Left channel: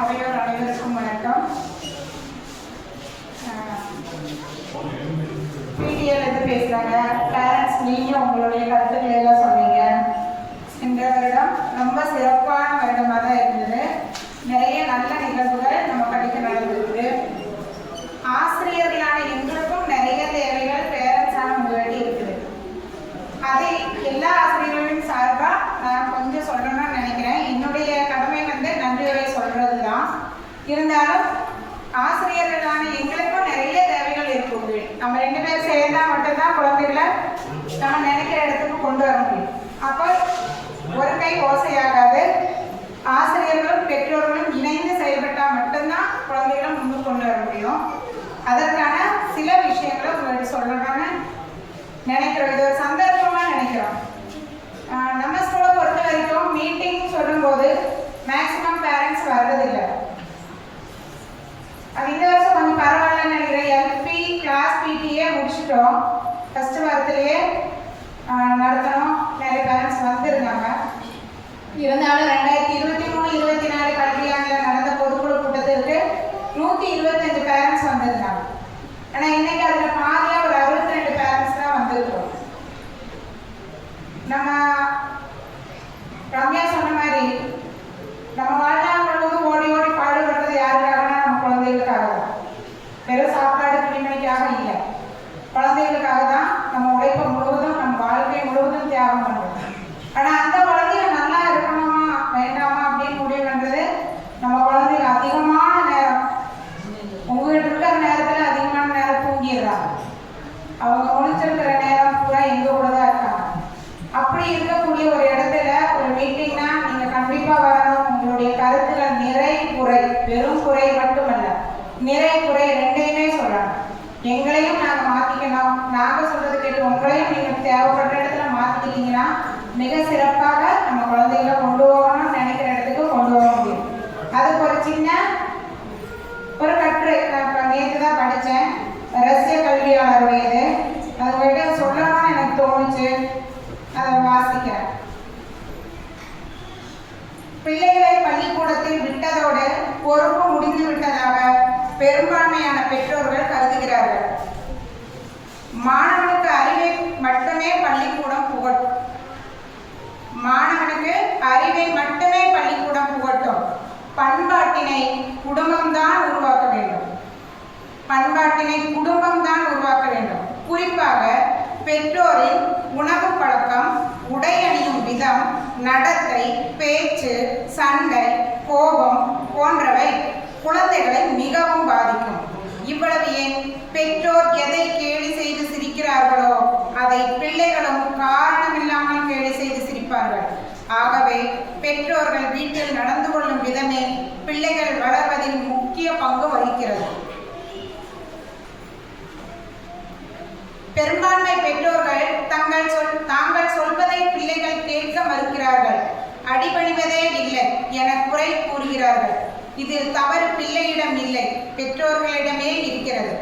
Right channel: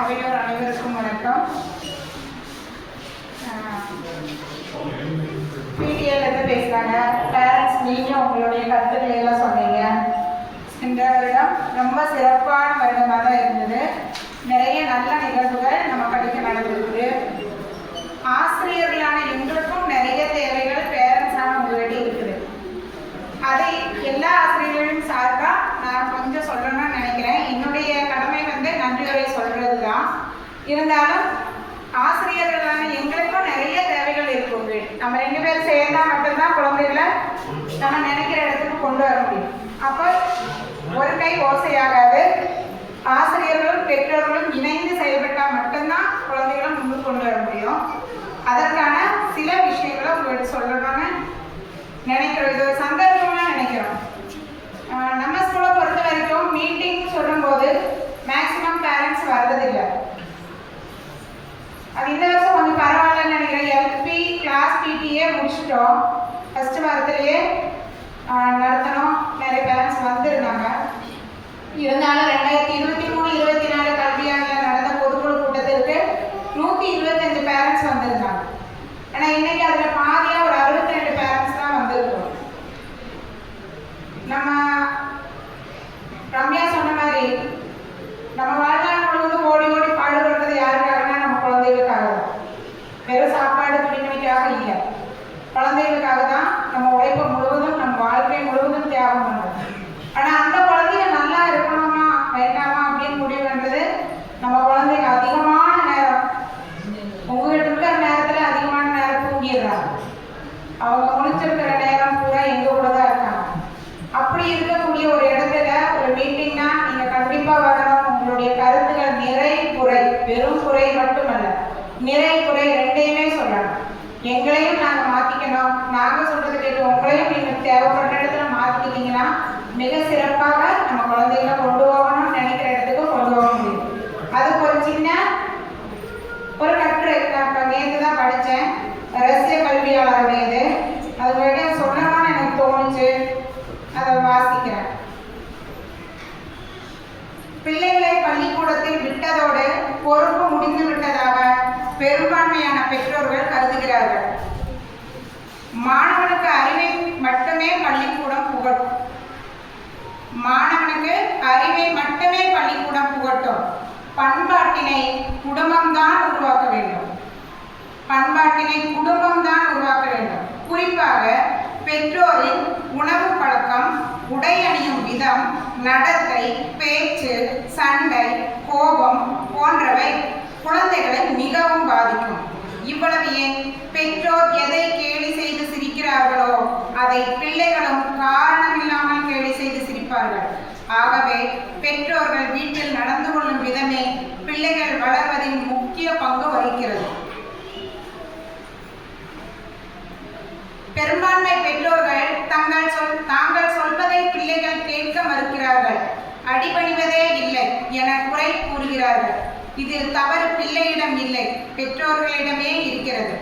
அவையோர் அனைவருக்கும் வணக்கம். பிடிஎல் பேசுகிறாங்க. பேரண்ட்ஸ் நீங்கள் உங்களுடைய கருத்துக்களை எல்லாம் சொன்னீங்க. இந்த வருடம் ரொம்ப சிறப்பான வருடமாக தான் இருந்தது. நிறைய நல்ல நிகழ்வுகள் நம்ம படிக்க நடந்திருக்கு. ஆசிரியர்களான எங்களுக்கும் நிறைய தேவைகள் பேரண்ட்ஸான உங்களிடையே இருக்குது. அதை எல்லா ஆசிரியர்களும் சார்பாக நான் கொஞ்சம் சொல்லணும்னு நினைக்கிறேன். என்னுடைய கடமை நன்றியுரை சொல்கிறது தான். இருந்தாலும் ஆசிரியர்களான எங்களுக்கும் நிறைய தேவைகள் இருக்கும். நம்ம 2 பேர் சேர்ந்தா மட்டும்தான் குழந்தைகளை நம்ம நினைக்கிற இடத்துக்கு கொண்டு வர முடியும். அப்போ ஒரு கை ஓசையாகாது. ஆசிரியர்களும் பெற்றோர்களும் இணைந்து செயல்பட்டால் மட்டும்தான் குழந்தைகளை முன்பு கொண்டு வர முடியும். அதற்கான சில விஷயங்களை உங்கள்கிட்ட சொல்லணும்னு நினைக்கிறோம். இது ஒரு சந்தர்ப்பமாக நினைக்கிறோம். நம்ம ஸ்கூலை பொறுத்த வரைக்கும் மீட்டிங் சொல்லும்போது மேக்சிமம் பேரண்ட்ஸ் வர்றதில்லை. அது இந்த வருஷம் கொஞ்சம் பரவாயில்லன்னு நினைக்கிறேன். எல்பி கிளாஸ் பிடிஏ முடிச்சிட்டோம். ஃபஸ்ட்டு வாரத்திலேயே நடத்தணும். நிறைய பேரண்ட்ஸ் வந்திருந்தாங்க. இருந்தாலும் 2023-24 கல்வியாண்டில் நடந்த பொதுக்குழு கூட்டத்திற்கு 125 பேரண்ட்ஸ் வந்திருந்தாங்க. ஆனால் இன்னைக்கு அதில் பாதியாக ஒரு 62 பேரண்ட்ஸ் தான் வந்திருக்கோம். நம்ம ரம்யா சொன்ன மாதிரி நம்ம வாழ்நாள் முழுவதும் ஓடி ஓடி பாடுபடுறது யாருக்காகனா நம்ம குழந்தைகளுக்காக தான். வெறும் சாப்பாடு துணிமணிக்காக இல்லை, குழந்தைகளுக்காக தான் நம்ம உழைப்பு முழுவதும் நம்ம வாழ்க்கை முழுவதும் தியாகம் பண்ணுறோம். ஆனால் அந்த குழந்தைங்க நல்லா இருக்கணுமா வேண்டாமா அப்படின்னு முடிவு பண்ணுறது நம்ம குழந்தைங்க அதிகமான நேரம் உங்ககிட்ட இருக்கிற நேரத்தில் அதிகமான நேரம் தூங்கிடுறாங்க. அவங்க முடிச்சிருக்கிற நேரம் பூரா எங்க கூட தான் இருக்காங்க. அப்படி இருக்கக்கூடிய ஒரு இடத்துல ஒரு மீட்டிங்னா நீங்கள் கண்டிப்பாக வரணும். உங்களுடைய கருத்துக்கள் நிறை குறை, வெறும் குறை மட்டுமல்ல, நிறை குறை ரெண்டையுமே சொல்லணும். எங்களையும் நாங்கள் மாற்றிக்கணும். நாங்கள் சொல்றது கேட்டு உங்களையும் நீங்கள் தேவைப்படுற இடத்துல மாற்றிக்கிட்டீங்கன்னா மிக சிறப்பாக நம்ம குழந்தைகளை கொண்டு போகணும்னு நினைக்கிற இடத்துக்கு கொண்டு போக முடியும். அதுக்கு ஒரு சின்ன ஒரு கட்டுரை நான் நேற்று தான் படித்தேன். ரஷ்ய கல்வியாளருடையது. அது வரைக்கும் சொல்லணும்னு எனக்கு தோணுச்சு. அதை வாசிக்கிறேன். பிள்ளைகளை பள்ளிக்கூடத்தில் விட்டதோடு பொறுப்பு முடிந்து விட்டதாக பெரும்பான்மையான பெற்றோர்கள் கருதுகிறார்கள். மாணவனுக்கு அறிவை மட்டுமே பள்ளிக்கூடம் புகட்டும். மாணவனுக்கு அறிவை மட்டுமே பள்ளிக்கூடம் புகட்டும். பண்பாட்டினை குடும்பம்தான் உருவாக்க வேண்டும். பண்பாட்டினை குடும்பம்தான் உருவாக்க வேண்டும். குறிப்பாக பெற்றோரின் உணவு பழக்கம், உடை அணியும் விதம், நடத்தை, பேச்சு, சண்டை, கோபம் போன்றவை குழந்தைகளை மிகவும் பாதிக்கும். இவ்வளவு ஏன், பெற்றோர் எதை கேலி செய்து சிரிக்கிறார்களோ அதை பிள்ளைகளும் காரணமில்லாமல் கேலி செய்து சிரிப்பார்கள். ஆகவே பெற்றோர்கள் வீட்டில் நடந்து கொள்ளும் விதமே பிள்ளைகள் வளர்வதில் முக்கிய பங்கு வகிக்கிறது. பெரும்பான்மை பெற்றோர்கள் தாங்கள் சொல்வதை பிள்ளைகள் கேட்க மறுக்கிறார்கள். அடிபணிவதே இல்லை என குறை கூறுகிறார்கள். இதில் தவறு பிள்ளையிடம் இல்லை, பெற்றோர்களிடமே இருக்கிறது.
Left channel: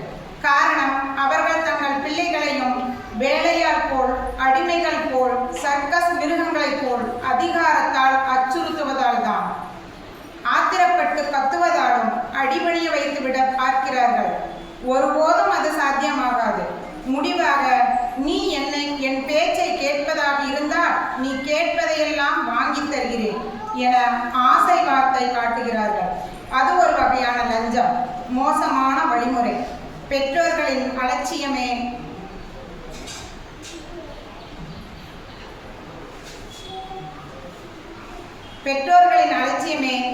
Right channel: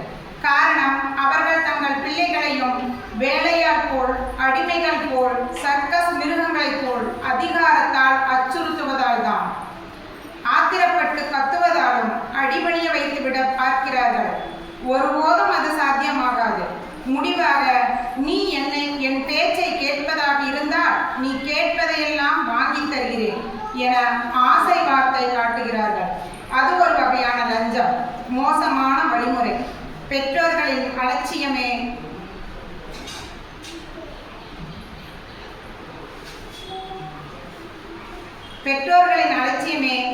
காரணம், அவர்கள் தங்கள் பிள்ளைகளையும் வேலையால் போல், அடிமைகள் போல், சர்க்கஸ் மிருகங்களைப் போல் அதிகாரத்தால் அச்சுறுத்துவதால் தான், ஆத்திரப்பட்டு கத்துவதாலும் அடிபணிய வைத்துவிட பார்க்கிறார்கள். ஒருபோதும் அது சாத்தியமாகாது. முடிவாக, நீ என் பேச்சை கேட்பதாக இருந்தால் நீ கேட்பதையெல்லாம் வாங்கி தருகிறேன் என ஆசை வார்த்தை காட்டுகிறார்கள். அது ஒரு வகையான லஞ்சம், மோசமான வழிமுறை. பெற்றோர்களின் அலட்சியமே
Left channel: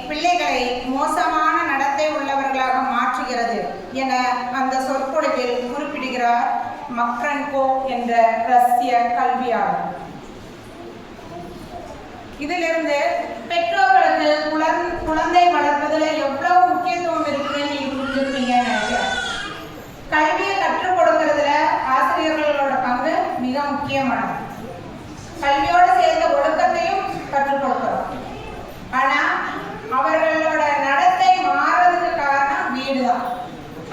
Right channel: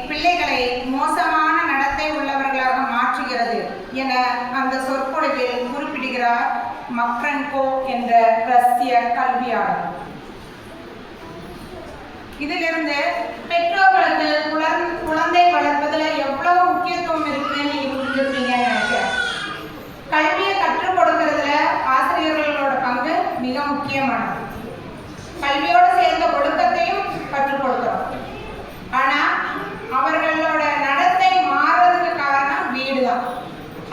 பிள்ளைகளை மோசமான நடத்தை உள்ளவர்களாக மாற்றுகிறது என அந்த சொற்பொழிவில் குறிப்பிடுகிறார் மக்ரன்கோ என்ற ரஷ்ய கல்வியாளர். இதிலிருந்து பெற்றோர்களுக்கு குழந்தை வளர்ப்பதில் எவ்வளவு முக்கியத்துவம் இருக்குன்னு நீங்க புரிஞ்சுருப்பீங்கன்னு நினைக்கிறேன். கல்வியை கற்றுக் கொடுக்கறதுல ஆசிரியர்களோட பங்கு மிக முக்கியமானது. கல்வியோடு சேர்ந்த ஒழுக்கத்தையும் கற்றுக் கொடுக்கிறோம். ஆனா அவர்களோட நடத்தை மாறுறதுக்கு காரணம் வீடு தான்.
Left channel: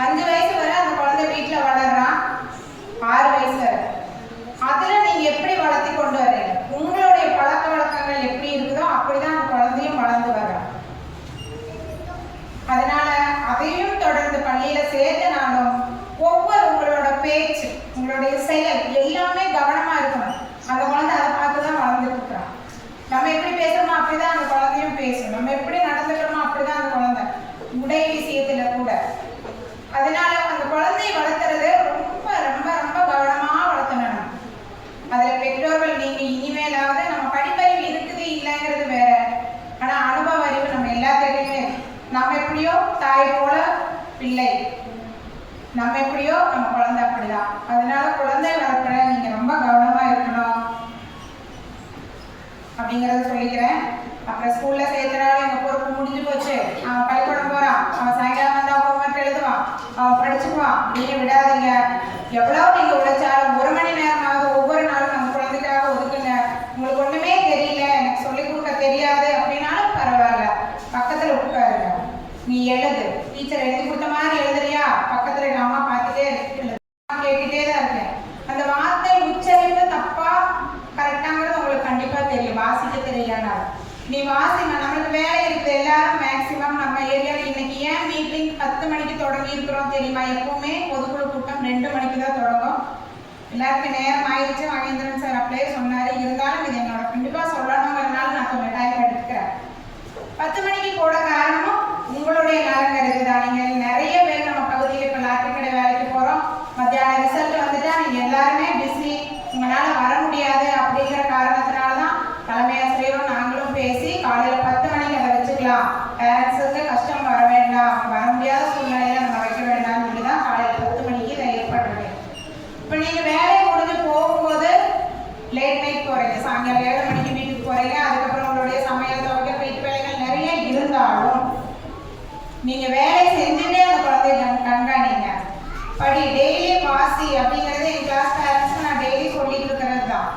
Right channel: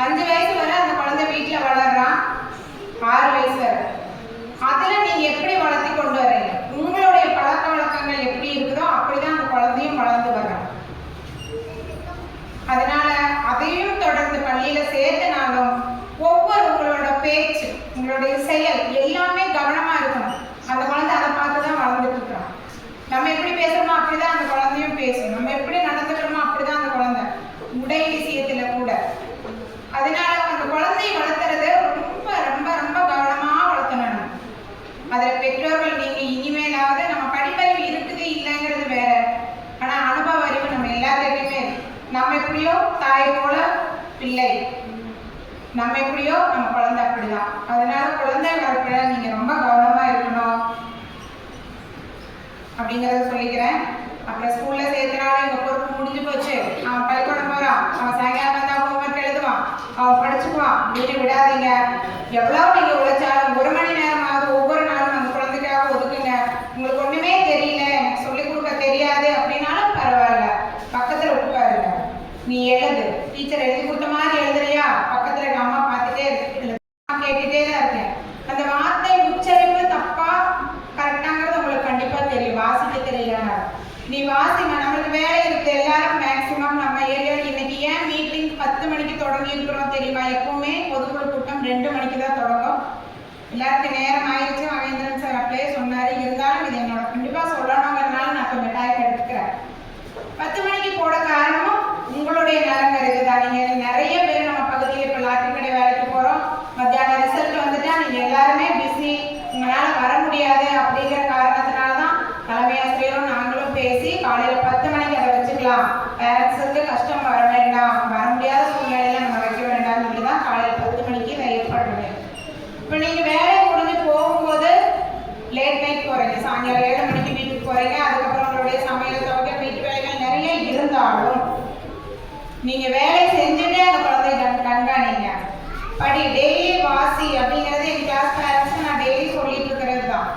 5 வயசு வரை அந்த குழந்தை வீட்டில் வளர்றான். 6 வயசு வரை அதுல நீங்க எப்படி வளர்த்தி கொண்டு வரீங்க, உங்களுடைய பழக்க வழக்கங்கள் எப்படி இருக்குதோ அப்படிதான் அந்த குழந்தையும் வளர்ந்து வர்றான். நம்மளுடைய செயல் எல்லாமே கவனமா இருக்கணும். அந்த குழந்தை அதை பார்த்து தான் வளர்ந்துட்டு இருக்கிறான். நம்ம எப்படி பேசுறோமோ அப்படிதான் அந்த குழந்தையும் பேசும். நம்ம எப்படி நடந்துக்கிறோமோ அப்படிதான் அந்த குழந்தை, உடை விஷயத்துல கூட. அதனால அந்த குழந்தையை வளர்த்துறது ரொம்ப ரொம்ப ரொம்ப கவனமா வளர்த்தணும். அதில் பெற்றோர்கள் நீங்க இனிமேலாவது, நம்ம படிப்பறிவு இருக்குது இல்லைங்கிறது வேற, ஆனா அனுபவ அறிவு நம்ம எல்லாத்துக்குமே, நம்ம எப்படியோ தாய் போல பிள்ளை, நம்ம எப்படியோ நம்ம குழந்தை அப்படிதான். அதனால குழந்தை வளர்ப்புல நீங்க ரொம்ப கவனமா இருக்கணும் அப்படிங்கறத சொல்லிக்கிறேன். அப்புறம் ஸ்கூல்ல சேர்த்தனால எங்க பொறுப்பு முடிஞ்சு போச்சு, அவன் பள்ளிக்கூடம் போறான், அவன் சாயங்காலம் வந்து ஹோம்ஒர்க் எழுதுவான், அவன் படிச்சுக்குவான் அப்படின்னு விடாதீங்க. எவ்வளவு நீங்க உழைச்சாலும் 1 மணி நேரமாவது ஒவ்வொரு நாளும் அந்த குழந்தைக்காக ஒதுக்குங்க. உங்களுக்கு ஒண்ணுமே தெரியல, எனக்கு சொல்லிக் கொடுக்க தெரியாது அப்படின்னாலும் பரவாயில்ல, பக்கத்துல உட்காருங்க. நீ எழுது, டீச்சர் எழுதி கொடுத்த மாதிரி எழுதுறியா, பக்கத்துல எங்க அம்மா பார்த்துட்டே இருக்கு, கேட்டுட்டே தான் இருக்கேன். அந்த வார்த்தை உச்சரிப்பு தப்பா கரெக்டாங்கிறது உங்களுக்கு கண்டிப்பா தெரியும். வாசிக்க தெரியலனா நீ வாசிங்க. நம்மளுக்கு வேலை இருக்கு, எல்லாரும் மேக்சிமம் நம்ம ஏரியாவில் இன்னைக்கு ஏன் மீட்டிங் 10 மணிக்கு தொடங்கி இருக்கிறோம் தெரியுமா? எப்பவுமே பொதுக்குழு கூட்டம் 2 மணிக்கு தான் தொடங்கும். எல்லாருக்கும் நேரம் ஆயிடுச்சு, மகேந்திரன் சார் அப்படியே சொன்னாரு. இருந்தாலும் இது என்னோட கண்டிப்பா சொல்லணுங்கிறதுனால நான் கொஞ்சம் டைம் எடுத்துக்கிறேன். 10 மணிக்கு போட காரணம் உங்களுடைய நலன் இருக்குதான். நீங்க நிறைய பேர் நம்ம பகுதியில் இப்போ லாட்டரி கடை வேலைக்கு போறோம், மத்தியானம் ரிசல்ட் வந்துட்டா நீங்க எல்லாருமே பிஸி, உங்களால வர முடியாது அப்படிங்கிற காரணத்தினாலதான் தலைமை ஆசிரியரும் நாங்களும் பேசி காலையில 10 மணிக்கு அதை வச்சுக்கலாம், பேரண்ட்ஸுக்கு கஷ்டம் வர வேண்டாம், வர முடியாத சூழ்நிலையில நம்ம வைக்க வேண்டாம்னு சொல்லிதான் காலையில 10 மணிக்கு இதை ஏற்படுறது. இப்போ நீங்க வேலை முடிஞ்சு போகும்போது லேட் நைட் போறீங்க, சாயங்காலம் 7 மணிக்கு வீட்டுக்கு போறீங்க, அதுக்கப்புறம் உங்களுடைய சமையல் துவைக்கிற வீட்டு வேலைகள் நிறைய இருந்தாலும் நீங்க வேலை செஞ்சுட்டே அந்த குழந்தைய கண்காணிங்க. படி, டெய்லி வாசி அப்படிங்கிறது என் கிளாஸ் பேரண்ட்ஸ் நான் டெய்லி சொல்லிட்டு இருக்கிறது தான்.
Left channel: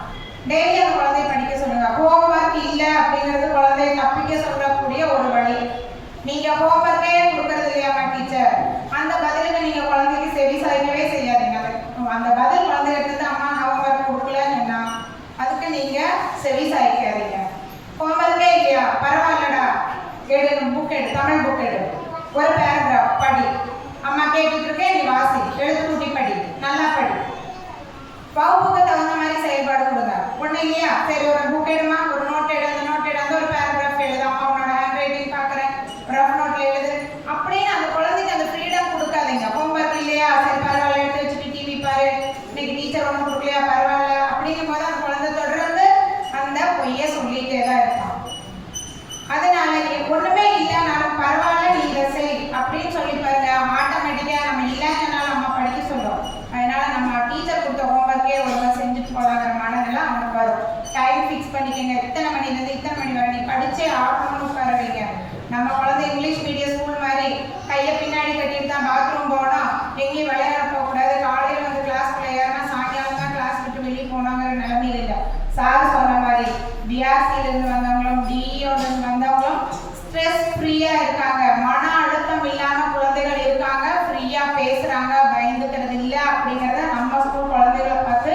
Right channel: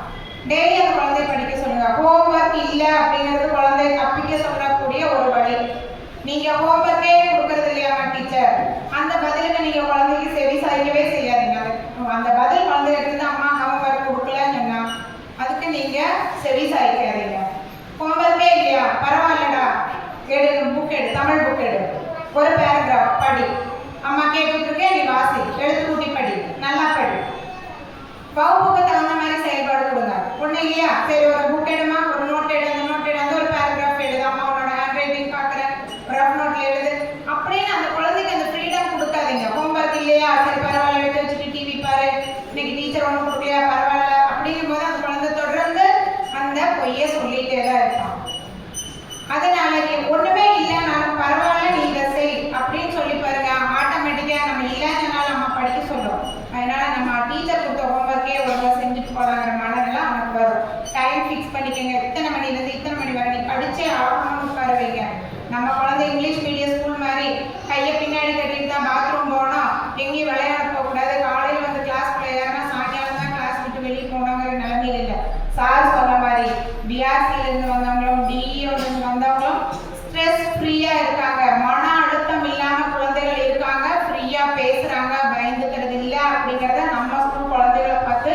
டெய்லி அந்த குழந்தைய படிக்க சொல்லுங்க. ஹோம்ஒர்க் இல்லை அப்படிங்கிறது குழந்தைய தப்பிக்க சொல்லக்கூடிய ஒரு வழி. நீங்க ஹோம்ஒர்க்கே கொடுக்கறது இல்லையாமா டீச்சர், அந்த பதிலுக்கு நீங்க குழந்தைக்கு செவி சாய்க்கவே செய்யாதீங்க. அந்த பதில் குழந்தைகிட்ட இருந்து அம்மா ஹோம்ஒர்க் கொடுக்கலன்னா அதுக்கு நீங்க செவி சாய்க்காதீங்க. ஹோம்ஒர்க்கே இல்லையா, பரவாயில்லடா, எடு, புக் எடு, தமிழ் புக் எடு, ஒரு பேராகிராஃப் படி, அம்மா கேட்டுட்டு இருக்கேன், நீ வாசி, எழுத்து கூட்டி படி, நல்லா படி. வகுப்புக்கு தகுந்த மாதிரி செயல்பாடு கொடுங்க. ஒண்ணு இல்லையா, சரி ஒரு புக் எடுமா, ஒரு நோட் எடு, அந்த நோட் எடு, அந்த ஒரு பேராகிராஃப் எழுது, அம்மா உன்னோட ஹேண்ட் ரைட்டிங் பார்க்குறேன், ரஃப் நோட்ல எழுது அப்படின்னு அந்த குழந்தைக்கு அந்த ஃப்ரீடம் கொடுக்காதீங்க. ஹோம்ஒர்க் இல்லையா, சரி பரவாயில்ல, எடுத்து வச்சுட்டு டிவி பாரு, இன்னைக்கு டீச்சர் ஒன்றும் கொடுக்கலையா, பரவாயில்ல அப்படிங்கும் போது அந்த குழந்தை தொடர்ந்து அந்த பொய்யை சொல்லிட்டே தான் இருப்பான். அதனால நீ ஒண்ணுமே இல்லைனாலும் பரவாயில்ல, நீ இதை செய் அப்படின்னு சொல்லி பாருங்க, ஆட்டோமேட்டிக்கா நம்ம இல்லைன்னாலும் நம்ம படிக்க சொல்லும். அதனால நம்ம டீச்சர் கொடுத்த ஹோம்ஒர்க்கே ஒருவர் செஞ்சுட்டு போறாங்கிற மனநிலை அவனுக்கு வரும். டைம் ஃபிக்ஸ் பண்ணிக்கங்க, இத்தனை மணிலேருந்து இத்தனை மணி வரை நீ படிச்சே ஆகணும்னு உட்கார வைங்க. நம்ம குழந்தை இங்கிலீஷ் மீடியம் ஸ்கூல் மாதிரி கையை பின்னாடி கட்டிட்டு தான் பாத்ரூம் போகணும், எங்கேயும் விளையாட போகக்கூடாது, காலையில் வந்து கிளாஸ்க்குள்ள ஏறினா சாயங்காலம் தான் கிளாஸ் விட்டு வெளியே போகணுங்கிற நிலைமையில் இல்லை. சார் சொன்ன மாதிரி பிஆர்சியிலிருந்து வந்தவங்களும் டிஇஓலேருந்து வந்தவங்களும் ஸ்ட்ரெஸ் ஃப்ரீயா இருக்காங்க, மன அழுத்தம் இல்லாம குழந்தைகள் இருக்காங்க, ஃப்ரீயா பேசுறாங்க, பயந்துக்கிறது இல்லை அப்படிங்கிறத நம்ம ஸ்கூல் குழந்தைகளை பார்த்து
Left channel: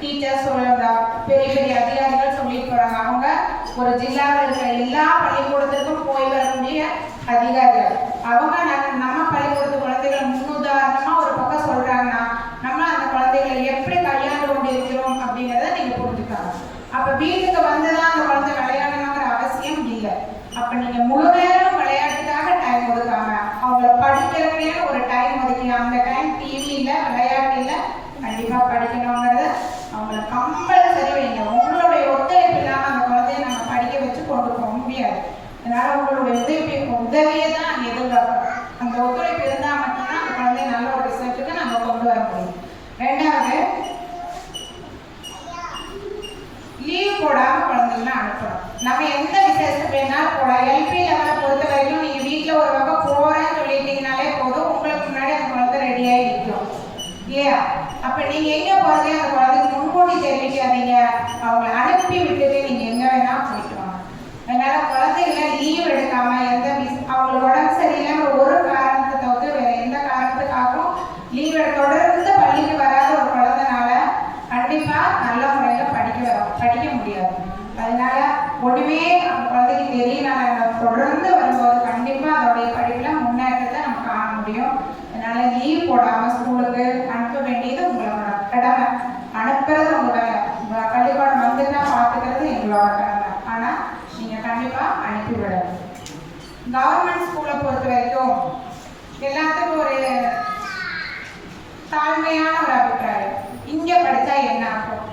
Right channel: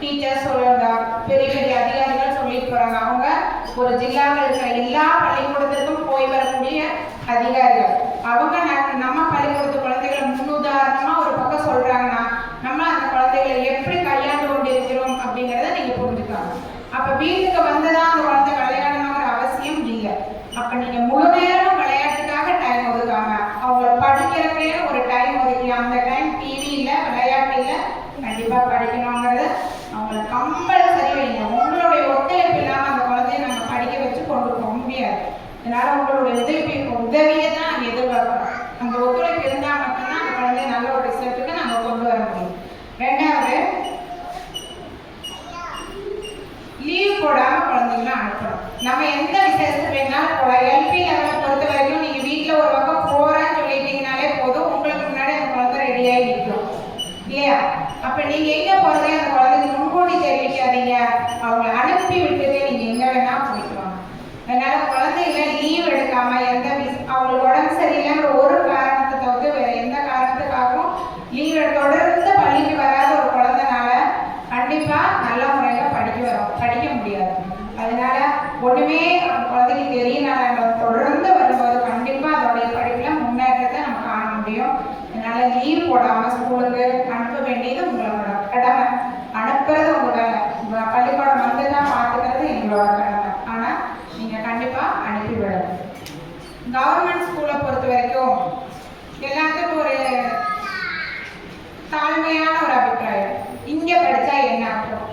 டீச்சர்ஸ் சொல்லுங்க, பெரிய பெரிய அதிகாரிகள் சொல்லிட்டு போறாங்க. அவங்க ஒரு ஜில்லாவில் இருக்கிற எல்லா பள்ளிக்கூடத்திற்கும் போய் வரக்கூடிய அதிகாரிகள். அவங்க நம்ம பள்ளிக்கூடத்து குழந்தைகளை முன்னுதாரணமா ஒரு பக்கம் சொல்றாங்கன்னா நம்ம அந்த குழந்தைகளை எப்படி கையாண்டு கொண்டு இருக்கிறோம் அப்படிங்கிறத நீங்க புரிஞ்சுக்கணும். அப்ப வீட்டுக்கு வந்துதான் அந்த குழந்தை விளையாடணுங்கிற அவசியம் இல்லை. அப்ப நீங்க முழு நேரம் விளையாட்டுக்காக டைம் ஒதுக்காம அவங்கள படிக்கிறதுக்கே ஒரு டைம் ஒதுக்கி, அந்த டைம் டிவி இல்லை, விளையாட்டு இல்லை, கண்டிப்பா படிக்கணுங்கிறது அவங்களை கம்பல்சரி வைங்க. உங்களுடைய ஒத்துழைப்பு இல்லாம அந்த குழந்தைய நம்ம படிக்க வச்சு கொண்டு போக முடியாது. அதனால உங்களுடைய உதவியை தான் நாங்கள் எதிர்பார்க்கிறோம். அந்த ஒத்துழைப்பு இருந்தால் மட்டும்தான் அந்த குழந்தைய நல்ல ஒரு ரிசல்ட்டுக்கு நம்ம கொண்டு வர முடியும். ரெண்டாவது, லீவ் போடாம குழந்தைங்களை அனுப்பணும். நம்ம எந்த விசேஷத்துக்கு வேணாலும் போகலாம். எல்பி லெவலை பொறுத்த வரைக்கும் நீங்க வீட்டில் ஒரு பக்கம் போறேன்னு சொல்லிட்டீங்கனாலே போதும், உங்களுக்கு முன்னாடி அந்த குழந்தை ரெடியாகி நிற்கும் இல்லையா? அப்ப நீங்க எங்க போறதே அந்த குழந்தைக்கு முன்கூட்டி தெரிவிக்காதீங்க, அவங்க அனுப்பி விட்டுட்டு நீங்க எங்க வேணா போய்க்கலாம். அதனால குழந்தைகளை லீவ் எடுக்காம அவங்களுக்கு உடம்பு சரியில்லைன்ற ஒரு காரணத்தை தவிர்த்து வேற எந்த காரணத்துக்காகவும் லீவ் தொடர்ந்து பள்ளிக்கு வராத ஒரு குழந்தைனால கண்டிப்பா நல்ல முறையில படிக்க முடியாது. அதனால ஒண்ணுமே அந்த குழந்தைக்கு தெரியனால தொடர்ந்து வரும்போது கண்டிப்பா அதோடைய படிப்புல முன்னேற்றத்தை நம்ம காண முடியும். அதனால லீவ் போடாம ஸ்கூலுக்கு அனுப்ப வேண்டியது உங்களோட கடமை. கவர்மெண்ட் ஸ்கூலை பொறுத்த வரைக்கும் எல்லாத்துக்கும் ஒரு தாழ்மையான ஒரு அபிப்பிராயம். இங்கே படித்தா என்ன ஆகும்?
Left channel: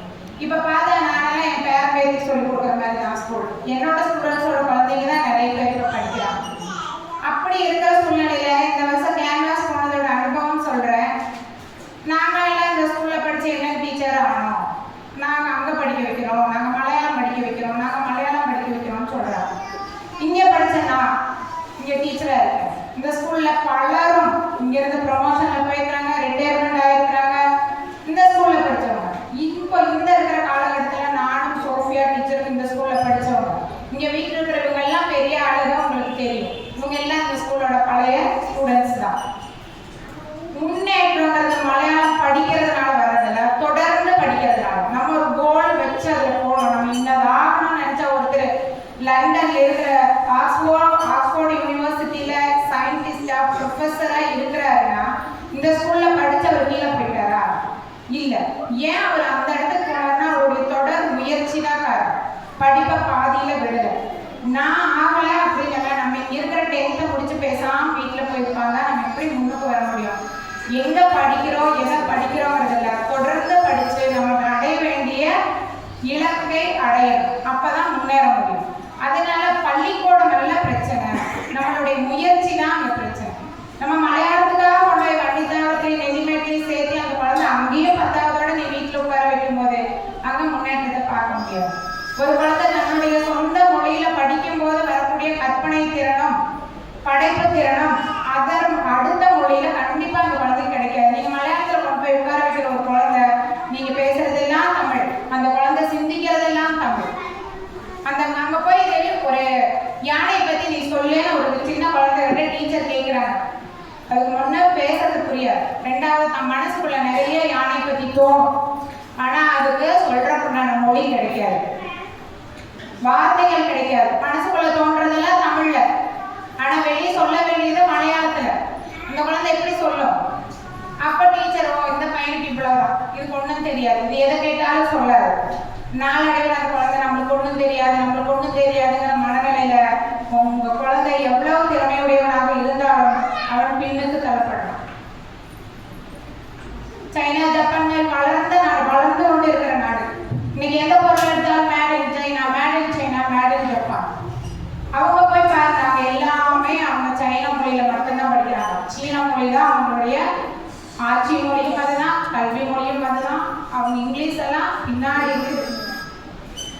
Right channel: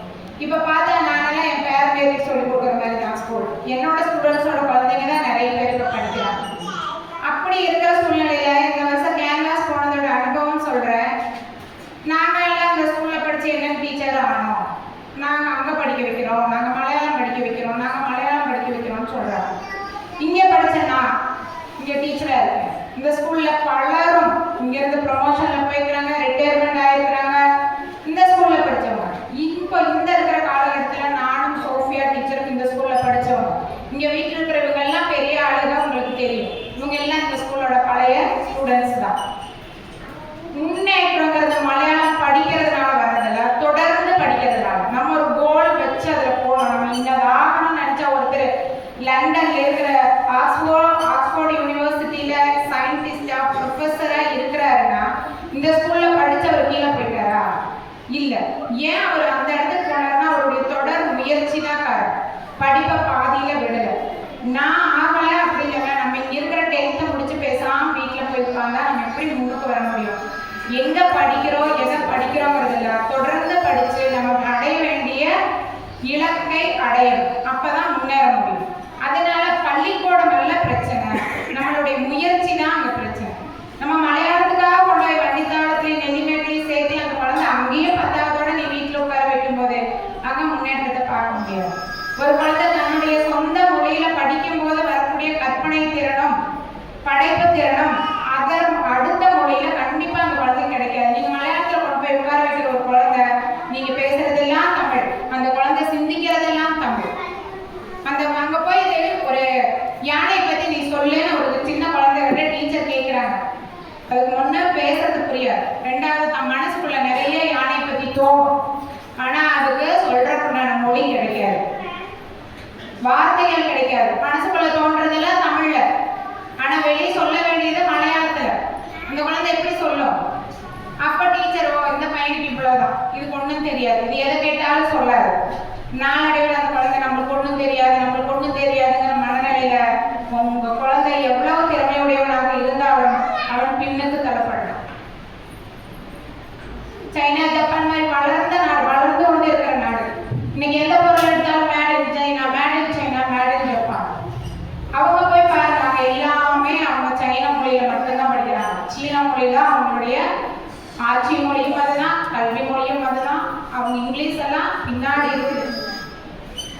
இப்போ பார்த்தா நாங்கெல்லாம் என் பேரம்பேருக்கு சொல்லிக் கொடுக்குற மாதிரி தான் ஸ்கூல். என்னோட ஸ்டூடெண்ட்ஸோட குழந்தைங்க தான் நிறைய பேர் இப்போ படிக்கிறாங்க. அப்படி இருக்கிற சூழ்நிலையில் இந்த வருஷம் கேன்வாஸ் போனதோட அனுபவம் சொல்கிறேன். நாங்கள் எல்லாம் இந்த ஸ்கூலில் படித்து என்ன டீச்சர் ஆனோம், நாங்கள் அங்கே படிக்க வைக்கிறோம், நாங்கள் மலையாளம் படிக்க வைக்கிறோம், நாங்கள் மலையாளம் படிக்க வைக்கிறோம்னு சொல்கிறாங்க. இங்கே படித்தேன்னா இங்கே டீச்சராக இருக்கேன். இந்த ஸ்கூலில் பலரும் இங்கேருந்து ப்ரொமோஷனில் போயிருக்கிறாங்க, ரிட்டையர்மெண்ட் ஆகிருக்கிறாங்க. இந்த ஸ்கூலில் படித்தவங்க இப்போ இந்த இருக்கிற காலகட்டத்தில் நானும் சோஃபியா டீச்சருக்கு இந்த ஸ்கூலில் படித்தவங்க. இங்கே வீட்டில் இருக்கிறவங்க எல்லாம் பெரிய ஆளுங்க, உங்களுக்கு தெரியும். இவங்க எல்லாம் இந்த ஸ்கூலோட பழைய ஸ்டூடெண்ட்ஸ் தான். முன்னேற்றங்கிறது மலையாளம் படிக்கிறதுனால வர்றதில்ல, தொடர்ந்து படிக்கிறதுனால. நம்ம ஒரு கோல் வச்சு அதில் போகணும். நம்ம இந்த வாகனம் நினச்சா ஒருத்தர் லண்டன்ல இருக்கிற ஆக்ஸ்போர்ட் யூனிவர்சிட்டியில் சயின்டிஸ்டாக ப்ரொஃபஸராக இருக்கிறாருன்னா இந்த ஸ்கூலில் படித்து அவர் கீழே போயிட்டாரா? இல்லை. ஏன் அவர் அந்த இடத்துக்கு போனார்னா அவருடைய தொடர் முயற்சி தான் காரணம். படிப்பை பாதியில் விடலை. நான் ஆகலை அப்படி இல்லை. நம்ம இங்கே இருக்கிற 10th முடிச்சு பேசாமல் வீட்டில் போயிருப்பாங்க. நம்ம எப்படி முன்னுக்கு வர முடியும்? எங்கே படிக்கிறோம், எதை படிக்கிறோங்கிறதில்ல, தொடர்ந்து படித்து நமக்கு அடைய வேண்டிய இலக்கை அடையணும். அப்போ தான் முன்னேற முடியும். அதனால பள்ளிக்கூடம் நல்ல பிரச்சனை, நம்மளுடைய முயற்சி தான் அங்கே பிரச்சனை. நம்ம மலையாளத்துக்காக கொண்டு போய் வண்டித்தாளத்தையும் நெல்லிமேட்டையும் சேர்த்து அந்த குழந்தை அங்கேயும் 10வதோட நீ வீட்டில் உட்கார வைக்கும் போது அங்கே முன்னேற்றத்தை பார்க்க முடியாது. ஒரு குழந்தை தன்னுடைய சொந்த மொழியில படிக்கும் போது வரக்கூடிய கற்பனை திறனும் படைப்பு திறனும் அடுத்த மொழியில கண்டிப்பா அந்த குழந்தை கிடைக்காது. நீங்க மலையாளத்துல கொண்டு போய் உட்கார வைக்கிற ஒரு குழந்தை, நீங்க பேசுறதெல்லாம் தமிழ், அந்த குழந்தை சிந்திக்கிறதெல்லாம் தமிழ். அந்த அங்க போய் ஒரு யானை பத்தி நீ சொல்லுன்னு ஒரு சின்ன குழந்தைகிட்ட டீச்சர் கேட்கிறாங்க. அதுக்கு முன்ன பேசுறது புரியாது, ரெண்டாவது தன் மனசுக்குள்ள நிறைய யானை பத்தி தோணும். ஆனா அதுக்கு சொல்றதுக்கான மொழி கிடைக்காது, வார்த்தைகள் கிடைக்காது. மனசுக்குள்ள தோன்றதெல்லாம் தமிழ்ல, ஆனா வெளியே சொல்ல வேண்டியது மலையாளத்துல. அந்த குழந்தை எப்படி சொல்லும்? அப்ப டீச்சர் இந்த பையனுக்கு இவ்வளவுதான், இதுக்கு ஒண்ணும் தெரியாது, இது எதை கேட்டாலும் சொல்லாது. நாளடைவில் அந்த குழந்தை நம்மளுக்கு ஒண்ணும் தெரியாதுங்கிற மனநிலையில உங்க குழந்தை எவ்வளவு திறமையுடையவனாக இருந்தாலும் அவன் பின்னுக்கு தள்ளப்படுறான். சைனா ஜப்பான் மாதிரி வளர்ந்த நாடு, வளர்ந்து கொண்டு இருக்கிற நாடு. இன்னைக்கு எந்த பொருள் எடுத்தாலும் made in China, made in China, made in Japan. அவங்க போய் பாருங்க, எல்லாமே அவங்க சைனா மொழியில மட்டும்தான் படிக்கிறாங்க. சீனா மொழியில அவங்களுடைய ஆட்சி மொழியும் அதுதான், கல்வி மொழியும் அதுதான். அவங்க இங்கிலீஷ் எல்லாம் பின்னாடி இருக்குது,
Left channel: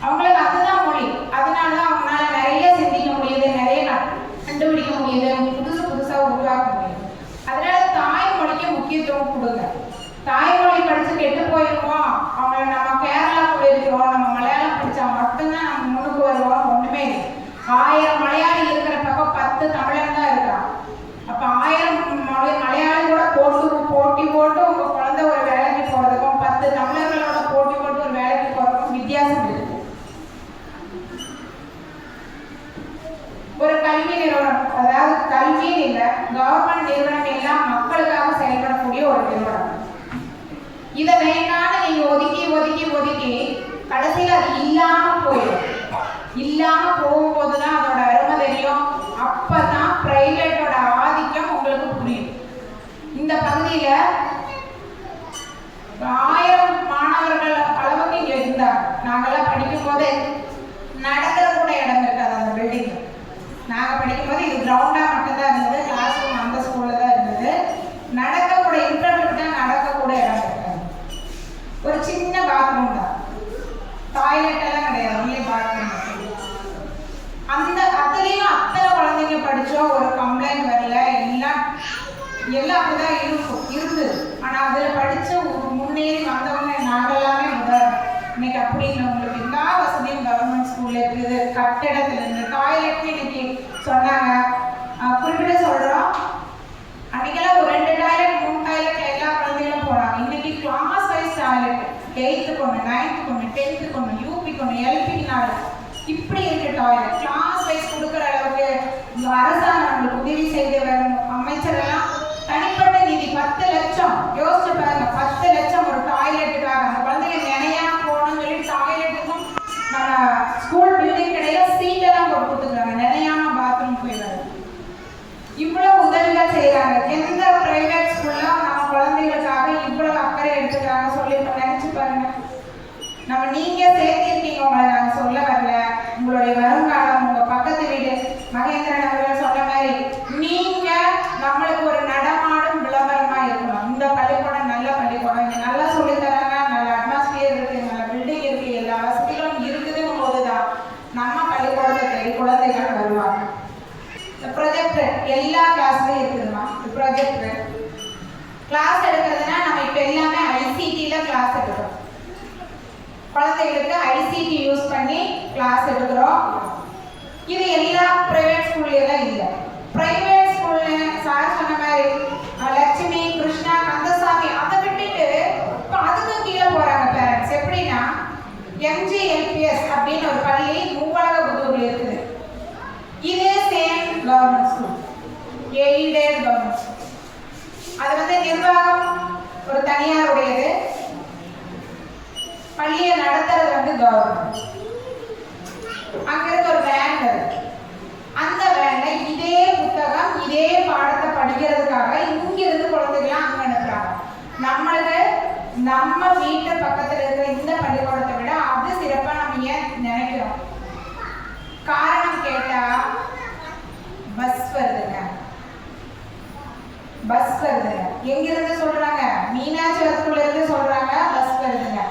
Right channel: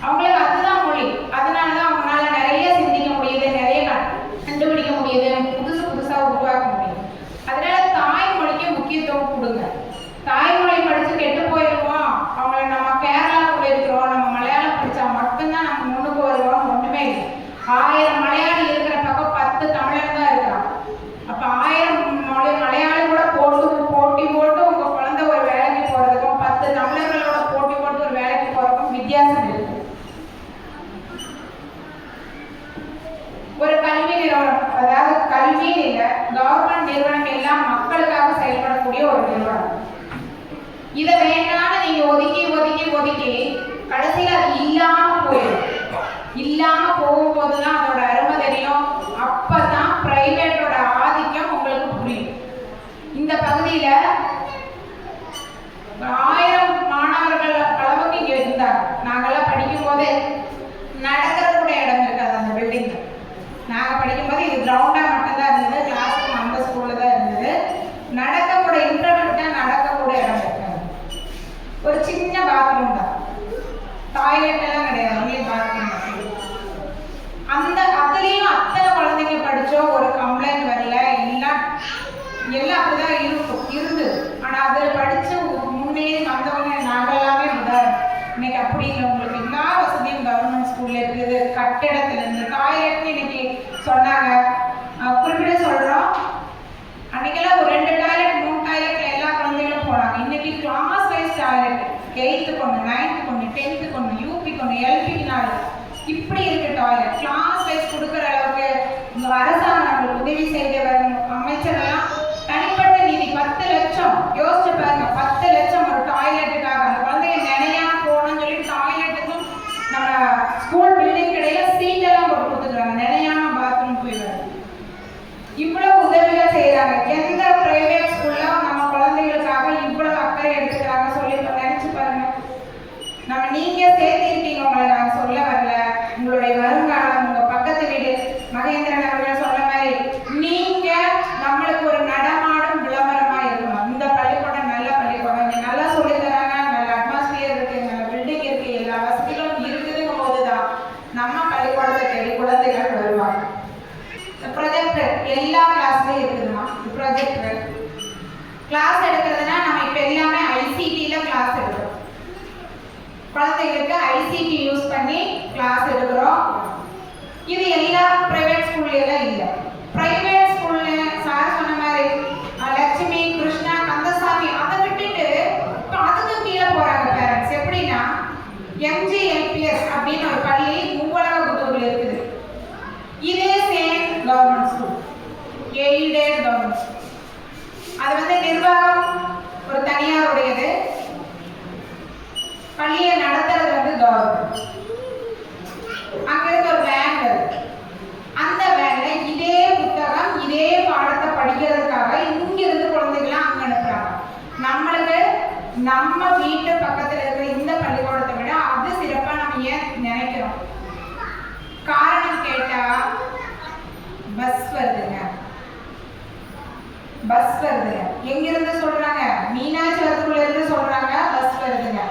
அவங்களுக்கு அதுதான் மொழி. அதனாலதான் அவங்களால நிறைய சிந்திக்க முடியுது, நிறைய கண்டுபிடிக்க முடியுது, புதுசா உருவாக்க முடியுது. அதனால தாய்மொழிக்கு முக்கியத்துவம் கொடுங்க. தாய்மொழி படிச்சு கெட்டு போயிருக்கோம், அவங்களை நம்ம கேரளா போயிருக்கிறோம், நம்ம மலையாளம் படிச்சா மட்டும்தான் நம்ம முன்னுக்கு வருவோம், ஒண்ணுமே இல்லை. 1000 மலையாளி இருக்கிற பக்கம் 10 தமிழர் தான் இருக்கிறான். அப்ப 1000 மலையாளி கூட போட்டி போட்டு உங்க குழந்தை ஒரு வேலைக்கு போறதுக்கும் 10 தமிழர்களோட போட்டி போட்டு ஒரு வேலைக்கு போறதுக்கும் வித்தியாசம் இருக்கு. ஒரு கல்வி நிறுவனம், அதாவது கல்வின்னு இல்லை, கவர்மெண்ட் நிறுவனம் எல்லாம் மக்களுக்காக செயல்படக்கூடிய ஒரு நிறுவனம். இதை வேண்டாம்னு நீங்க ஒதுக்கி கடைசியில் அது இல்லாம போயிடும். இல்லாம போகும்போதுதான் அதோட அருமை தெரியும். அப்பதான் பிரைவேட்டோட ஆதிக்கம் உங்களுக்கு புரியும். இந்த பகுதியில 1000 மாணவர்கள் அளவுக்கு இங்க இருந்தாங்க. நாங்கெல்லாம் படிக்கும் போது நடக்கிற கூட இடம் இருக்காது அந்த பில்டிங்ல. நாங்க படிக்கும் போது இது கிரவுண்டா மட்டும்தான் இருந்தது, கிளாஸ் ரூம் அந்த ஸ்கூல்ல தான் இருந்தது. நடக்கக்கூட இன்டர்வெல் தான் நடக்கக்கூட இடம் இருக்காது. ஒரு சின்ன பாத்ரூம் தான், டாய்லெட் எல்லாம் கிடையாது, ஒன்லி பாத்ரூம். அதுலேயும் அத்தனை குழந்தைங்க படித்தோம், ஒரு கம்ப்ளைண்ட் வரல, எல்லாம் அப்படிதான் இருந்தது. ஆனால் அதில் படித்த முன்னேறி வந்தவங்க நாங்கள் எல்லாமே உதாரணம். இன்னைக்கு அப்படி இல்லை, உங்களுக்கு எல்லா வசதியும் கவர்மெண்ட் ஸ்கூல்ல இருக்குது. கட்டிடத்துலேருந்து டாய்லெட்னு இன்னைக்கு சொன்னாங்க. குறிப்பிட சொல்கிறோம், அன்னைக்கெல்லாம் ஒரு 2 டாய்லெட் 3 டாய்லெட் எல்லா குழந்தைகளும் போனாங்க. இன்னைக்கு கிளாஸ் வைஸ் டாய்லெட், 8th ஒன்று, 9th ஒன்று, 10th ஒன்று, யூபிக்கு ஒன்று, எல்பிக்கு 4, இப்படி இருக்கு டாய்லெட். கிளாஸ் வைஸ் கொடுக்குற அளவுக்கு அரசாங்கம் நம்மளுக்கு உதவி செய்து வரும். அமைச்சரெல்லாம் தனிப்பட்ட நிதி 10 லட்சம், யோசிச்சு பாருங்க, 10 லட்சம் ஒரு டாய்லெட்டுக்காக. அந்த குழந்தைங்க நினையாம போகணும்னு சொல்லி டாய்லெட்டுக்கும் நம்ம ஸ்கூல் பில்டிங் கிடையாது, சீட்டெல்லாம் போட்டு கொடுத்துருக்காங்க, நினையாம பாத்ரூம் போய் வருது. பாருங்க. நீங்க சேர்த்திருக்கீங்க, உங்களை நான் சொல்ல வரல. உங்களுடைய வருங்காலம், உங்க பக்கத்து வீடு மகேந்திரன் அவர்கள் சொன்ன மாதிரி நீங்க நம்மளுக்கு ஒரு நடமாடும் விளம்பரமா இருக்கணும். இந்த பள்ளிக்கூடம் நல்ல பள்ளிக்கூடம், நல்லா சொல்லி தராங்க, நல்ல அட்மாஸ்பியர் இருக்கு, நல்ல பில்டிங் இருக்கு, எல்லா வசதிகளும் இருக்குதுங்கும் போதுதான் நம்ம பள்ளிக்கூடத்தை தேடி குழந்தைகள் வருவாங்க. ப்ரொஜெக்டர் எல்லா கிளாஸ்லயும் இருக்குதுமா. ப்ரொஜெக்டர் கிளாஸ் எடுக்கிறதுனா நம்ம இப்ப எல்லாமே ஐசிடில கிளாஸ் எடுக்கிறோம். குழந்தைகளுக்கு ஐசிடி யூஸ் பண்ணி கிளாஸ் எடுக்கிறோம். இது எல்லா பிரைவேட் ஸ்கூல்ல இல்லை. பிரைவேட் ஸ்கூல்ல சார் சொன்ன மாதிரி லட்சுமி, கிருஷ்ணா, கந்தசாமி அதை விட்டுட்டு அதுக்கு கீழே போறாங்க பேரண்ட்ஸ். எப்படின்னா எம்ஜிஎல்பிஎஸ் அப்படின்னு ஒரு பள்ளி மூவலகபுத்தூர்ல இருக்குது. இதே same government school, aided government school. அது நிர்வாகம் ஒரு தனியாருடையது, பள்ளியை நடத்துறது கவர்மெண்ட். அங்க இருக்க ஒரு வேன் வருது. அந்த வேன்ல இதே புத்தகம் இதே பாடத்தை படிக்கிறதுக்காக இங்கிருந்து குழந்தைகளை அங்க அனுப்புறாங்க. நம்மளுக்கு நம்ம வீட்டு பக்கத்துல இருக்கிற இந்த பள்ளிக்கூடத்தை விட அது சிறப்பா நம்ம ஏன் நினைக்கிறோம்? காரணம் கேட்டா பஸ் வருதுங்க. பஸ் வருதுங்க. எங்கிருந்து சொல்றாங்க? மீனாட்சிபுரத்துல இருந்து சொல்றாங்க பஸ் வருதுங்க.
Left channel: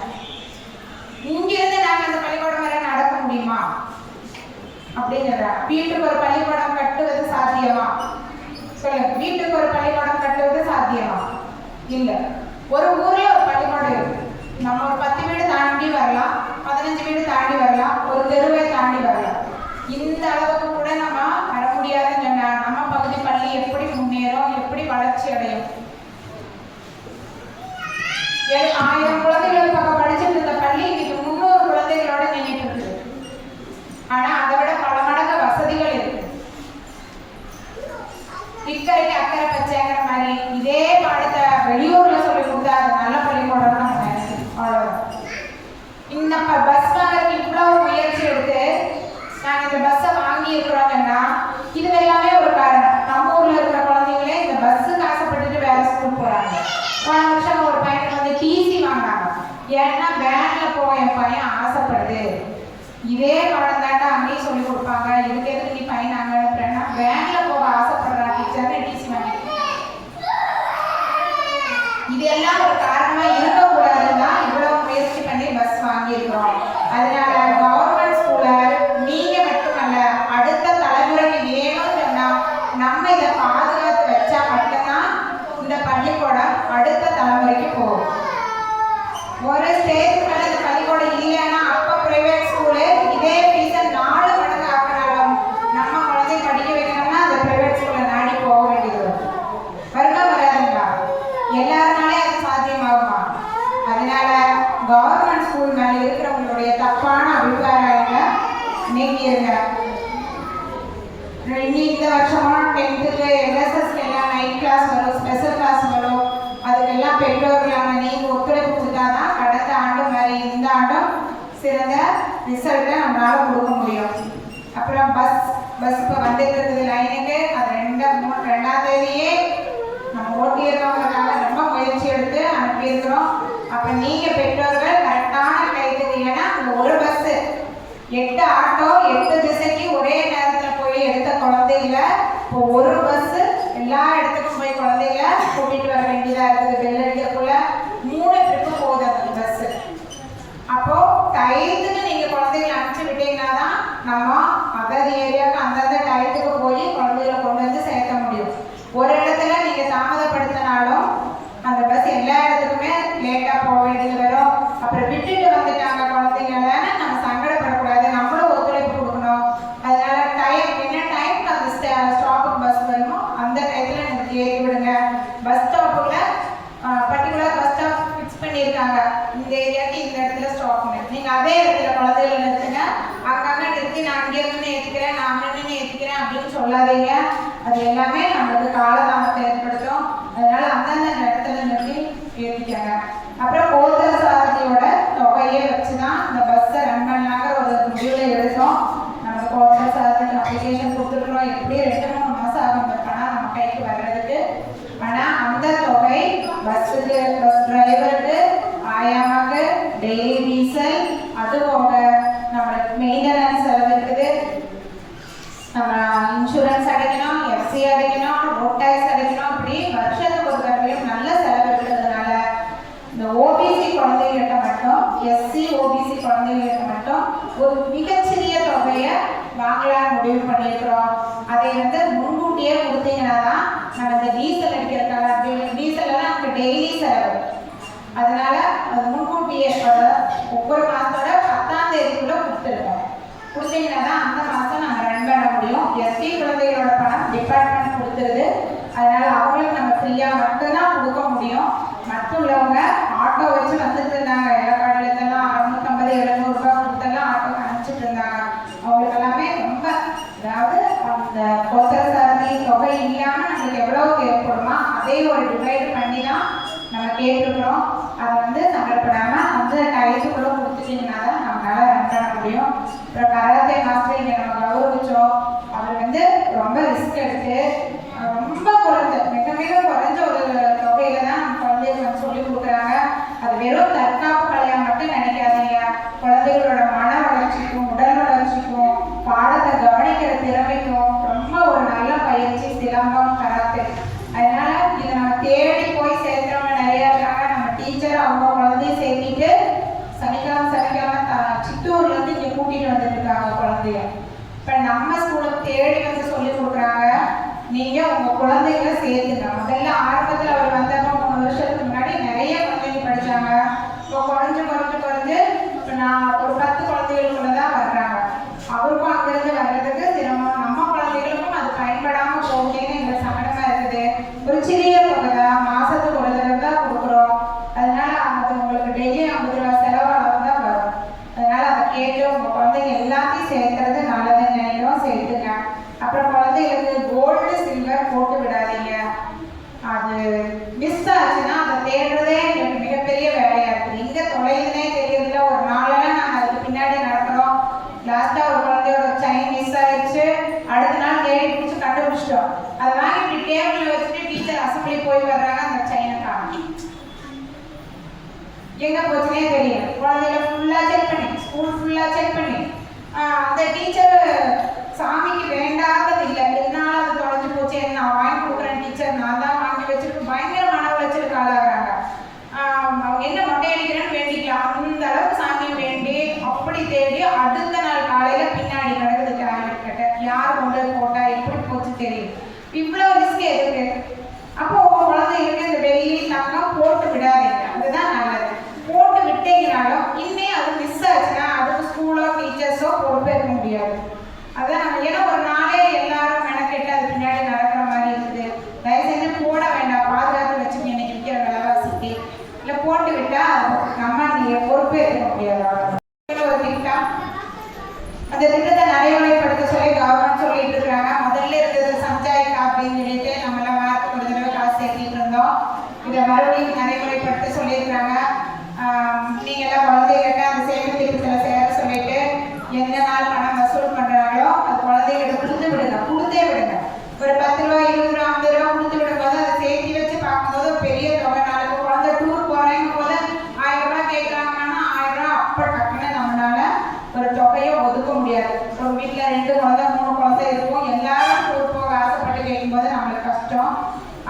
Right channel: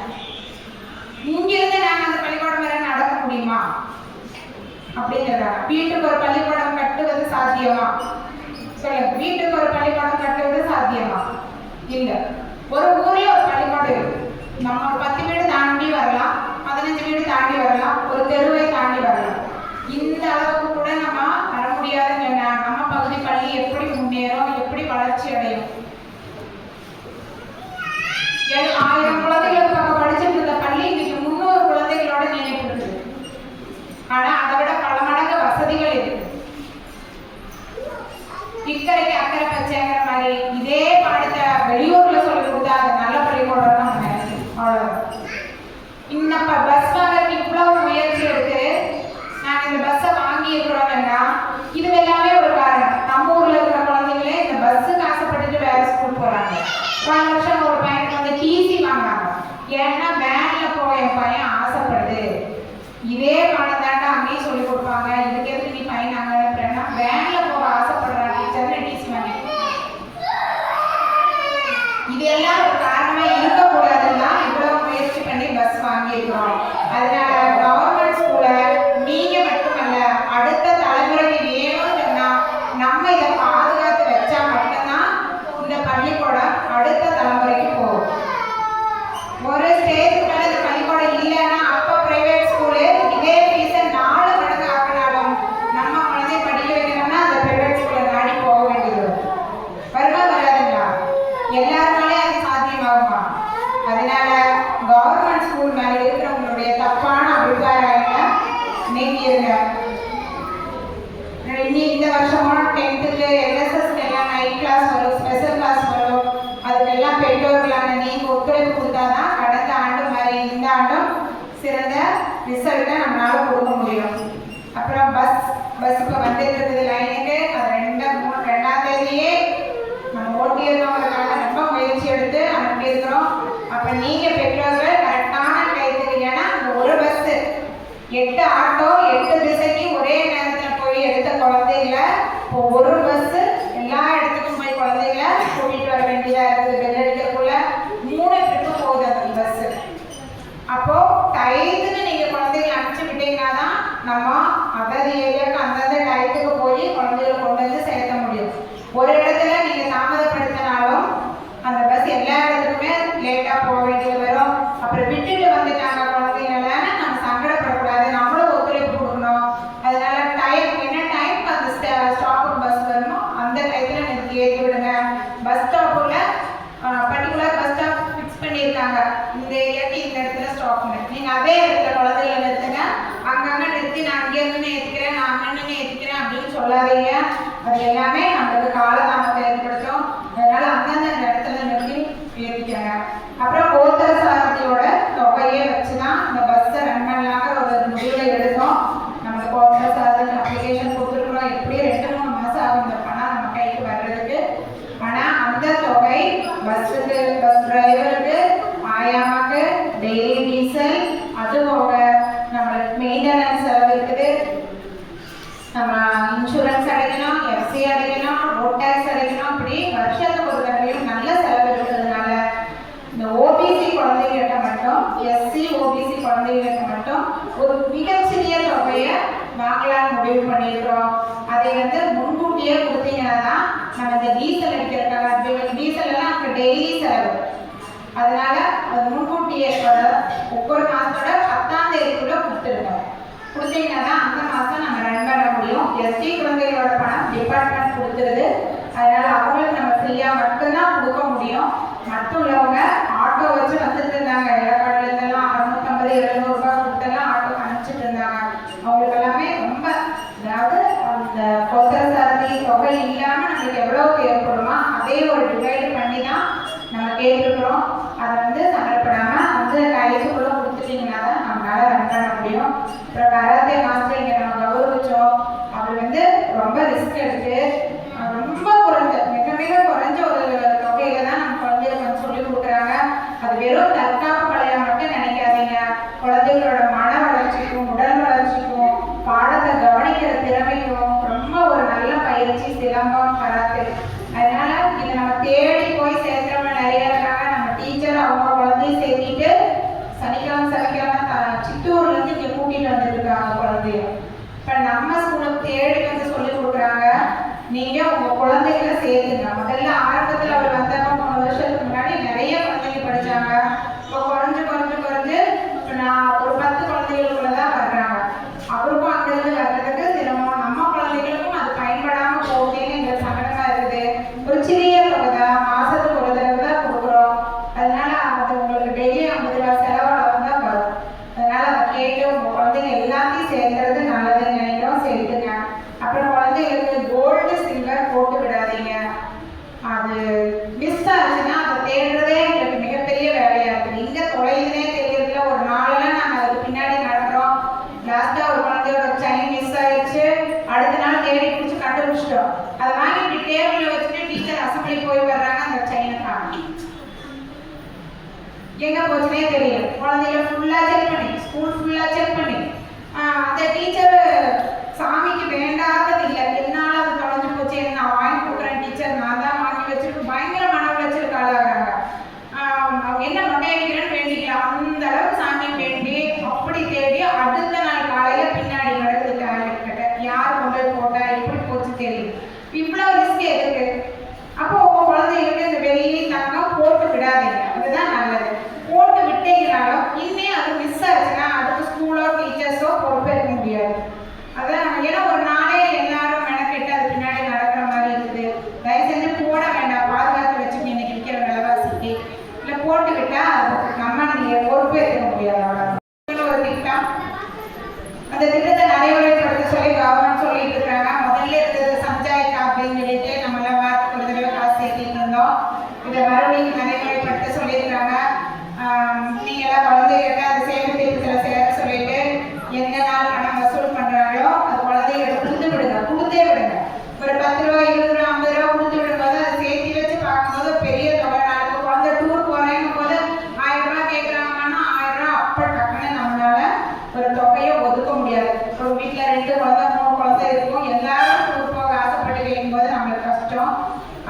இங்கிருந்து நாங்க அந்த பள்ளிக்கூடம் வரை நடக்க முடியுமா அப்படின்னு வீட்டுக்கு ஒரு பள்ளிக்கூடம் கட்டுவது சாத்தியமா? சொல்லுங்க, வீட்டுக்கு ஒரு பள்ளிக்கூடம் கட்டுவது சாத்தியமா? இல்ல. ஒரு ஊர்ல ஒரு பள்ளிக்கூடம் இருக்கு. நம்ம ஒரு 10 வீடு தாண்டி வரலாம், 15 வீடு தாண்டி வரலாம், ஒரு தெருவை தாண்டி வரலாம். இந்த அளவுக்கு கூட நம்ம வர முடியாதுன்னு சொன்னா நம்ம பகுதி பள்ளி எப்படி முன்னேறும், எப்படி வளர்ச்சி அடையும்? 1000 குழந்தைகள் பக்கம் படிச்சுட்டு இருந்த பள்ளி இன்னைக்கு 300 குழந்தைகளோட நினைப்பு இருக்குது. ஆனா அதை விட பல மடங்கு வசதிகள் இருக்கு. இக்கரைக்கு அக்கறை பச்சைங்கிற மாதிரி இதே பாடத்தை வெளியூர்ல சொல்லி கொடுத்தா அது நல்ல பள்ளிக்கூடம் தான் நினைக்கிறேன். அவ்வளவுதான். இன்னப்ப பஸ் வாங்கறதுக்கு இவ்வளவு முயற்சி எடுத்து நாங்க இந்த பஸ்ஸை வாங்கி இருக்கிறோம்னா இது எல்லாமே ஒரு காரணம். நம்ம ஊர்ல இருக்கிற குழந்தைங்களே இந்த பஸ்ஸுக்கு ஆசைப்பட்டுட்டு வேற ஸ்கூல் போறாங்க. போன வருஷம் ஒரு பையனுக்கு டிசி வாங்கினாங்க. ஏன்னா வேன்ல போக என் பையன் ஆசைப்படுது. இதே பாடம் தாண்டா அங்கேயும் சொல்லி கொடுப்பாங்க, இதுக்கு எதுக்கு நீ பையன் அங்க அனுப்புறேன்னா வேன்ல போக ஆசைப்படுறா டீச்சர்னு டிசி வாங்கி. இதெல்லாம் ஒரு காரணமா இருக்கக்கூடாதுன்னா இவ்வளவு முயற்சி பண்ணி பஸ் வாங்கியிருக்கிறோம். அதனால கவர்மெண்ட் ஸ்கூல நீங்க மட்டுமல்ல அடுத்த தலைமுறைக்கு வேணும்னு சொன்னா நம்ம இதை பாதுகாத்து வச்சா மட்டும்தான் இந்த பள்ளிக்கூடம் அடுத்த தலைமுறைக்கு போகும். ஒரு ஸ்டேஜ் மேல இந்த பள்ளிக்கூடம் இல்லைன்னா அப்ப பிரைவேட் ஸ்கூலு இதே ஃபீஸை 4 மடங்கு ஆக்கினாலும் நம்ம குழந்தை படிக்க வைக்கணும்னா அந்த பிரைவேட் ஸ்கூலை நாடி போக வேண்டியது வருமா வராதுங்களா? எல்லாருனாலே அது சாத்தியமாகுமா? அதனால கவர்மெண்ட் ஸ்கூல் மேல இருக்கிறவங்களுடைய தப்பான அபிப்பிராயத்தை நீக்கிடுங்க. இந்த வருஷமும் 10th என்எஸ்எஸ் எல்லாம் நைட் கிளாஸ் வரும், ஸ்பெஷல் கிளாஸ் வரும். அதுக்கெல்லாம் பெற்றோர்களான நீங்க ஒத்துழைப்பு கொடுத்தாதான் கடந்த ஆண்டு மாதிரி இந்த ஆண்டும் சிறந்த ரிசல்ட்டை நம்மளால கொடுக்க முடியும். அப்புறம் பஸ் இப்போ வந்துட்டு இருக்குது லைனுக்கு. அது 2ஆம் தேதியே நம்ம ஓட்டியிருக்கவங்களுக்காக ரொம்ப முயற்சி எடுத்து அனுப்பியிருக்கிறோம். அப்போ நீங்க பெற்றோர்கள் கரெக்டான டைத்துக்கு, ஏன்னா அந்த ஒரு பஸ் 8 ஆட்டோ 8 திசைக்கு ஒரே நேரத்தில் போய் எடுத்த குழந்தைகளை இப்போ ஒரு பஸ் எல்லா இடத்துக்கும் போய் குழந்தைகளை கூட்டிட்டு வர வேண்டியதா இருக்குது. பெல் அடிக்கிறதுக்குள்ள 3 ட்ரிப்பு போகுது அந்த பஸ். அப்போ டயத்துக்கு நீங்க குழந்தைகளை அனுப்பிச்சு விட்டீங்கன்னா தான் நம்ம அந்தந்த ஏரியாவுக்கு அந்தந்த டயத்துக்கு போய் குழந்தைகளை கொண்டு வந்து சேர்த்த முடியும். ஒரு இடத்துல நீங்க தாமதப்படுத்தினாலும் அந்த பஸ் எல்லா இடத்துக்குமே லேட்டா போக வேண்டியது வரும். அப்புறம் விட்டுட்டு வந்துட்டாங்க குழந்தைங்கள நம்ம சங்கடப்படக்கூடாது, நம்மளும் ஒத்துழைப்பு கொடுக்கணும். அதனால என்ன டைம் அந்த ஸ்டாப்புக்கு பஸ் வரணுமோ அந்த டயத்துல எனக்கு ஏறி விடுங்க. பஸ் ஸ்டாப்புல பர்டிகுலர் பஸ் ஸ்டாப் ஃபிக்ஸ் பண்ணியிருக்காங்க, இந்த ஏரியாக்கு இந்த இடத்துல ஸ்டாப் பண்ணு. நீங்க அதே இடத்துல குழந்தைகளை நிறுத்துங்க. அங்கங்க நிறுத்தி நான் அங்கே இருந்து ஏற்றிக்கிறேன், நான் அங்கே ஏற்றிக்கிறேன் அப்படின்னு சொல்லாதீங்க. அது எல்லாமே நம்மளுக்கு காலதாமத்தை ஏற்படுத்தும். அதனால அந்தந்த இடத்துல நிறுத்தி ஏற்றிக்காங்க. அப்புறம் ஓட்டர் சாரதியோட தொகையை வச்சுதான் இந்த பஸ்ஸை ரன் பண்ணலாங்கிற ஒரு முடிவுல எடுத்தோம். நம்மளுக்கு ஓட்டர் சாரதிக்கு அப்ளிகேஷன் கொடுத்துருக்குறோம். எப்படி 2-3 மாசம் ஆகும் இந்த பணம் நம்ம கைக்கு வர்றதுக்கு. ஆனா அந்த தொகை பஸ்ஸுக்கு, பஸ் டிரைவருக்கு, ஆயாமாக்கு, அடைக்கணும், ரோட் டேக்ஸ் அடைக்கணும், இப்படி வருஷத்துக்கு ஒரு தடவையும் நல்ல செலவு இருக்கிறதுனால இந்த ஓபிசி குழந்தைகிட்ட மட்டும், எஸ்சி ஓபிசி குழந்தைகிட்ட மட்டும் ஒரு மிகச்சிறிய தொகையை வாங்கலாம்னு முடிவு பண்ணியிருக்கிறோம். அதை முன்கூட்டியே கொடுத்தீங்கன்னா தான் நம்ம இந்த டீசல் அடிக்கிறதுக்காக, டீசல் எல்லாம் நமக்கு டெய்லி செலவு. அதனால அது முன்கூட்டியே ஒவ்வொரு மாதத்தோட 10ஆம் தேதிக்குள்ள கொடுத்துருக்கோம். கொடுத்தீங்கன்னா தான் அந்த மாதம் நம்ம ரன் பண்ண முடியும். எஸ்சி குழந்தைகளோட பணம் டிபார்ட்மெண்ட் கொடுத்துருது. அதனால அவங்களுக்கு நம்ம ஃப்ரீயாக மட்டும்தான் கொடுக்க முடியும். மற்ற உள்ளவங்க ஆட்டோ வச்சு வந்துட்டு இருந்தாங்க. இலக்காடுலாம் 650-700 ரூபாய் கொடுத்தெல்லாம் ஆட்டோ அனுப்பிச்சிட்டு இருந்தாங்க. அவங்களுக்கு எல்லாமே ரொம்ப, அதாவது அந்த கொத்தர சாரதி தொகை இல்லாமல் நம்மளுக்கு எவ்வளோ தேவைப்படுமா அதே ஒரு டிவைட் பண்ணி தான் நம்ம கேட்டுக்கிறோம். அதை சங்கடப்படாமல் டயத்துக்குள்ளே கொடுத்துட்டீங்கன்னா தான் நம்மளால ரன் பண்ண முடியும். அப்புறம் கராத்தே மாஸ்டர் இங்கே நம்ம கௌரவிச்சோம். அவர் ரொம்ப ரிஸ்க் எடுத்து ரொம்ப குறைஞ்ச, மிக மிக குறைஞ்ச ஒரு தொகையில தான் நம்ம குழந்தைகளுக்கு சொல்லி கொடுக்குறாங்க. அது வெறும் தற்காப்பு கலையா மட்டும் நினைக்காதீங்க. குழந்தைகளோட மன வளர்ச்சிக்கும் உடல் வளர்ச்சிக்கும் பாடத்தை கவனிக்கிற திறமைக்கும் ரொம்ப ஒரு நல்ல பயிற்சி சிலம்பம் கராத்தே. அதனால இதை நம்ம தேடி போய் சேர்க்கிறவங்க நிறைய இருக்காங்க. நம்ம டீச்சர் அவங்க குழந்தைய சேர்த்திட்டு சனிக்கிழமை சித்தூர்லேருந்து இங்கே கூட்டிகிட்டு வந்துட்டு இருக்காங்க குழந்தைய. இப்போ நம்ம ஸ்கூலுக்கு தேடி சொல்லி கொடுக்குறாங்க. நீங்கள் உங்கள் குழந்தைகளை சேர்த்துங்க. முதல்ல ஆரம்பத்தில் அவர் வந்தப்போ 3 வருஷத்துக்கு முன்னாடி நிறைய குழந்தைங்க படித்தாங்க. இப்போ குறைஞ்சு இப்போ நான் ஒரு 10 குழந்தைகளுக்குள்ள தான் வர்றாங்க. அவருக்கும் அங்கிருந்து வர்றதுக்கு சிரமம், நம்ம குழந்தைகளுக்கும் அது பயன்படாமல் போகுதுன்னு எங்களுக்கு சங்கடமாக இருக்குது. ஒரு சிறிய தொகை தான், மாதத்துக்கு ஒரு தடவை தான் கொடுக்குறோம். அதனால அது உங்களுக்கு டெய்லி 50 ரூபா செலவாளர் தான் வரும். அதனால அதை கேட்டு உங்கள் குழந்தைங்க எல்லாத்தையும் சேர்த்துறது நல்லதுன்னு நினைக்கிறோம். சேர்த்துங்க. அப்புறம் குழந்தைங்களுக்கு கோல்டு சில்வர் போட்டு விடாதீங்க. அது மிஸ் ஆச்சுன்னா அதை தேடுறதே எங்களுக்கு மிகப்பெரிய வேலையாக இருக்குது. இங்கே தொலைதுனே தெரியறதுல ஒரு நாளெல்லாம் நாங்கள் அதுக்கு பின்னாடி நடக்கிறோம். லாஸ்ட்டாக ஒரு குழந்தையோட செயின் மிஸ் ஆயிடுச்சு. அடுத்த நாள் தேடி பிடிச்சி கண்டுபிடிச்சிட்டோம். அதை வாங்கி இப்படி டேபிளில் வச்சுட்டு டீச்சர் அசம்பிளி போய் வர்றாங்க. அந்த செயினை காணும், எங்கே போச்சுனே தெரியும். குழந்தைகளை ஃபுல்லாக செக் பண்ணி, ஸ்கூல் ஃபுல்லாக செக் பண்ணி, அந்த டீச்சர் சாமிக்கு வேண்டாதது இல்லை, என்னால் அது தொலைஞ்சு போச்சு, நான் வாங்கி கொடுக்குறேன் டீச்சர், நான் தான் வாங்கி வச்சுருக்கு, பயங்கர மன உளைச்சலுக்கு ஆளாகிறாங்க. அவங்க என்ன மொட்டை அடிக்கிறேன்னு வேண்டிக்கலாம், அந்த அளவுக்கு சாமியை வேண்டி அப்படி தேடி அடுத்த நாள் காலையில் பின்னாடி நடக்குது டாய்லெட் கிட்ட, யார் கொண்டு போட்டா எப்படி போச்சு தெரியும். இவ்வளோ ரிஸ்க் எதுக்கு? அப்போ உங்கள் குழந்தைங்களுக்கு இந்த வெள்ளி தங்கம் போட்டு விடாதீங்க. அதுதான் நல்லது. போட்டு விட்டீங்கனாலும் இன்னே அது மிஸ் ஆச்சுன்னா அதுக்கு ஸ்கூலோ டீச்சர்ஸோ பொறுப்பேற்க முடியாது. அதான் நம்ம ஏன்னா ஒரு நாளே எல்லாரும் மெனக்கெட்டு அது பின்னாடி நடக்கிற மாதிரி இருக்குது. தயவு செஞ்சு போட வேண்டாம், பாதுகாத்து வச்சுங்க. இன்னைக்கு விற்கிற விலைவாசிக்கு இல்லை போட்டு விட்டா நம்ம நீங்கள் பொறுப்பேற்க முடியாது. அவ்வளோ ஒரு திட்டம், அந்த திட்டத்தை நடைமுறைப்படுத்த சொல்லி கவர்மெண்ட் சொல்லிட்டு இருக்காங்க. முதல்ல இருந்தது சஞ்சாயிக்கா அப்படின்னு சொல்லிட்டு நம்மளாம் வாரத்துக்கு ஒரு தடவை காசு சேர்த்திட்டு இருந்தோம். இதை மறுபடியும் நடைமுறைப்படுத்த சொல்லியிருக்கிறாங்க. நீங்களாம் குழந்தைகிட்ட அந்த சேமிப்பு திட்டத்தில் சேர சொல்லிட்டு எந்த நாள் பணம் வசூல் பண்ணுறாங்களோ அது குழந்தைகிட்ட கொடுத்து விடுங்க, கொடுத்தே விடுங்க. ஒரு 10 ரூபா 20 ரூபா 50 ரூபா கொடுத்து விடும்போது அதை சேர்த்து வச்சு பார்க்கும்போது பெரிய தொகை. நாளைக்கு குழந்தை டூர் போகிறேங்கும் போது 1000 ரூபா கேட்குறாங்கன்னா 1000 ரூபா அப்போ டக்குன்னு நம்மளால ஒரு தொகையை ஒதுக்க முடியாது. ஒரு வீட்டில் 2 குழந்தை 3 குழந்தை இருக்கும், எல்லாரும் டூர் போக ஆசைப்பட்டு கேட்கும்போது நம்மளுக்கு கஷ்டம்.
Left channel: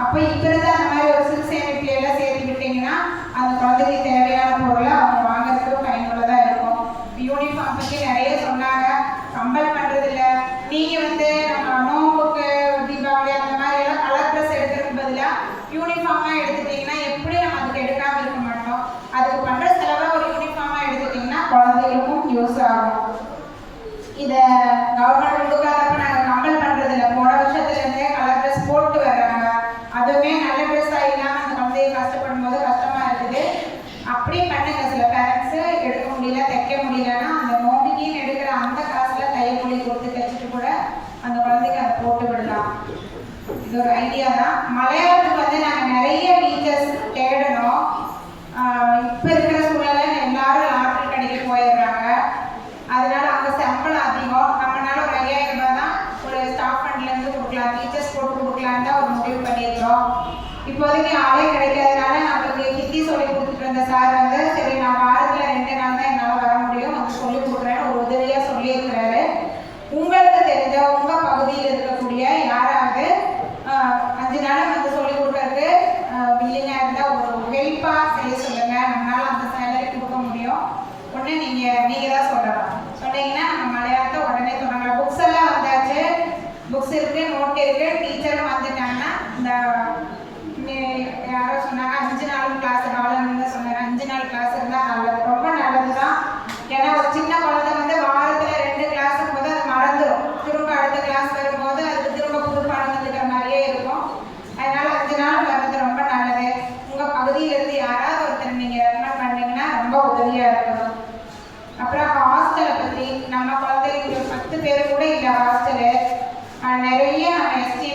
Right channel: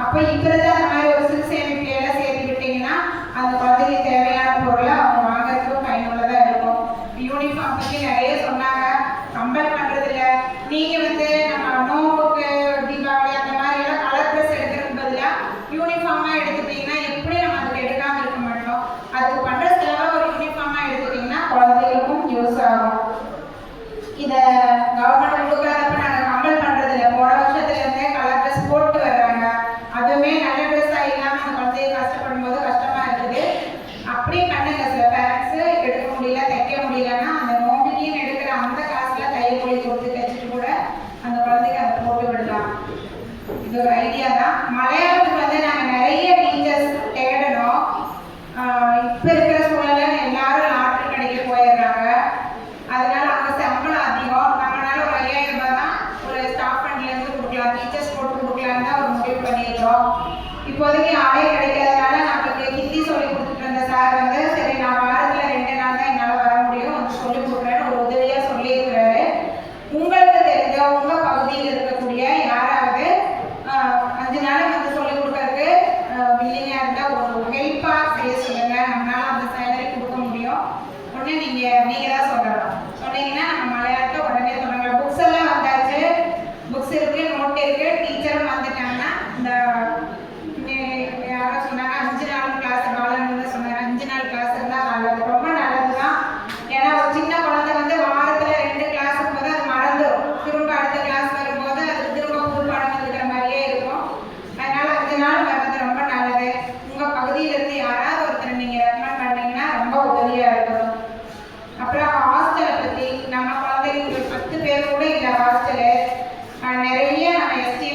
அப்போ இப்போதான் அந்த மாதிரி ஒரு சிறு சேமிப்பையெல்லாம் சேர்த்து விட்டீங்கன்னா அந்த குழந்தைக்கு தேவையான பொருளை அவங்க வாங்குறதுக்கு பயனுள்ளதாக இருக்கும். யூனிஃபார்ம் பற்றி நிறைய சொன்னாங்க. கம்பல் பண்ணுறதில்ல. நீங்கள் நம்ம நோம்புக்கு தீபாவளி அந்த மாதிரி எல்லாம் கலர் ட்ரெஸ் எடுக்கிறதுக்கு பதிலாக யூனிஃபார்மாக எடுத்துட்டிங்கன்னா எப்படி நம்ம அதுக்கு எடுக்காமல் இருக்க மாட்டோம். அதுக்கு பண்ணுற செலவாக ஒரு யூனிஃபார்மாக எடுத்துட்டிங்கன்னா குழந்தைகளுக்கும் யூஸ் ஆகும். இதை கவர்மெண்ட் கொடுக்காதப்ப நாங்கள் கம்பல் பண்ணுறதில்ல. போன வருஷத்துலேருந்தே கலர் ட்ரெஸ் போட்டு வர்றாங்க. அதுவுமே நல்ல ட்ரெஸ்ஸாக இல்லாமல் அந்த குழந்தைய கஷ்டப்படும் போது கஷ்டமாக இருக்குது. அப்படி பண்ணுங்க. சில பேரண்ட்ஸு எடுக்க முடியல, தைக்க முடியலன்னா அந்த நோம்பினின்னு எடுக்கிற அந்த காசில் தையக்கூலி கொடுத்து தைச்சிட்டு கூட அந்த குழந்தைக்கு அதை போட்டு விடலாம். இது ஒரு ஐடியா தான். மலையாளத்துக்கு நாங்கள் நிறைய டீச்சர்ஸ் தேடணும். இப்போ இருக்கிற சூழலை எல்லாரும் லாட்ரி கடைக்கு போயிடுறாங்க. அதனால அங்கே சம்பளம் அதிகம். நம்மளால ஒரு 5000 ரூபாய் தான் ஒரு ஸ்டாஃப் ஃபண்ட்லேருந்து கொடுக்கலாம், டீச்சர்ஸ் போட்டு கொடுக்கலான்னு தான் ஒரு முடிவு பண்ணியிருக்கோம். இப்போதைக்கு ஆளே கிடைக்காதனால நம்மளுக்கு ஹிந்தி சொல்லி கொடுத்துட்டு இருந்த சார் சரி நான் வாரத்தில் 2 நாள் தான் என்னால் வர முடியும், வந்து சொல்லி கொடுக்குறேன்னு ஒரு உதவியாக சொல்லியிருக்கிறாரு. உங்களுக்கு தெரிஞ்ச உங்கள் பகுதியில் இருக்கக்கூடிய யாராவது 5 நாள் வந்து சொல்லிக் கொடுக்கறதுக்கு வில்லிங்காக இருந்தால் ஒரு ஹெல்ப்பாக செய்ய சொல்லுங்க. நம்மளால அந்த சேலரி கொடுக்க முடியும். ஒன்று நீங்கள் தான் சொல்லலாம். சொன்னீங்கன்னா நம்ம மலையாளத்தை உடனே தொடங்கலாம். புக்ஸ் எல்லாம் வந்தாச்சு, புக்ஸ் இருக்குது, நோட் இருக்குது, டீச்சரும் வந்துட்டாங்கன்னா இந்த யாரோ சொன்னாங்க 5 நாள் கிளாஸ் ராலன்னு சொன்னாங்க. 5 நாள் கிளாஸ் இருந்தால் நல்லது, ரொம்ப நல்லது தான். ஏன்னா ஒரு சின்ன குழந்தை வந்து வாரத்தில் 2 கிளாஸ் போது அது மறந்துடும். திரும்ப அடுத்த கிளாஸ் வரும்போது அதுக்கு திரும்ப புது பாடம் வந்துக்கிற மாதிரியே இருக்கும். அதனால 5 நாள் வர்றது ரொம்ப நல்லது. உங்கள் பகுதியிலிருந்து யாராவது ஒருத்தர் நீங்கள் ரெக்கமெண்ட் பண்ணீங்கன்னா ரொம்ப உதவியாக இருக்கும். அப்புறம் ஹாஸ்டலை பற்றி நம்ம குழந்தைங்க 10 பேர் கூட இல்லை ஹாஸ்டலு. நிறைய எஸ்டி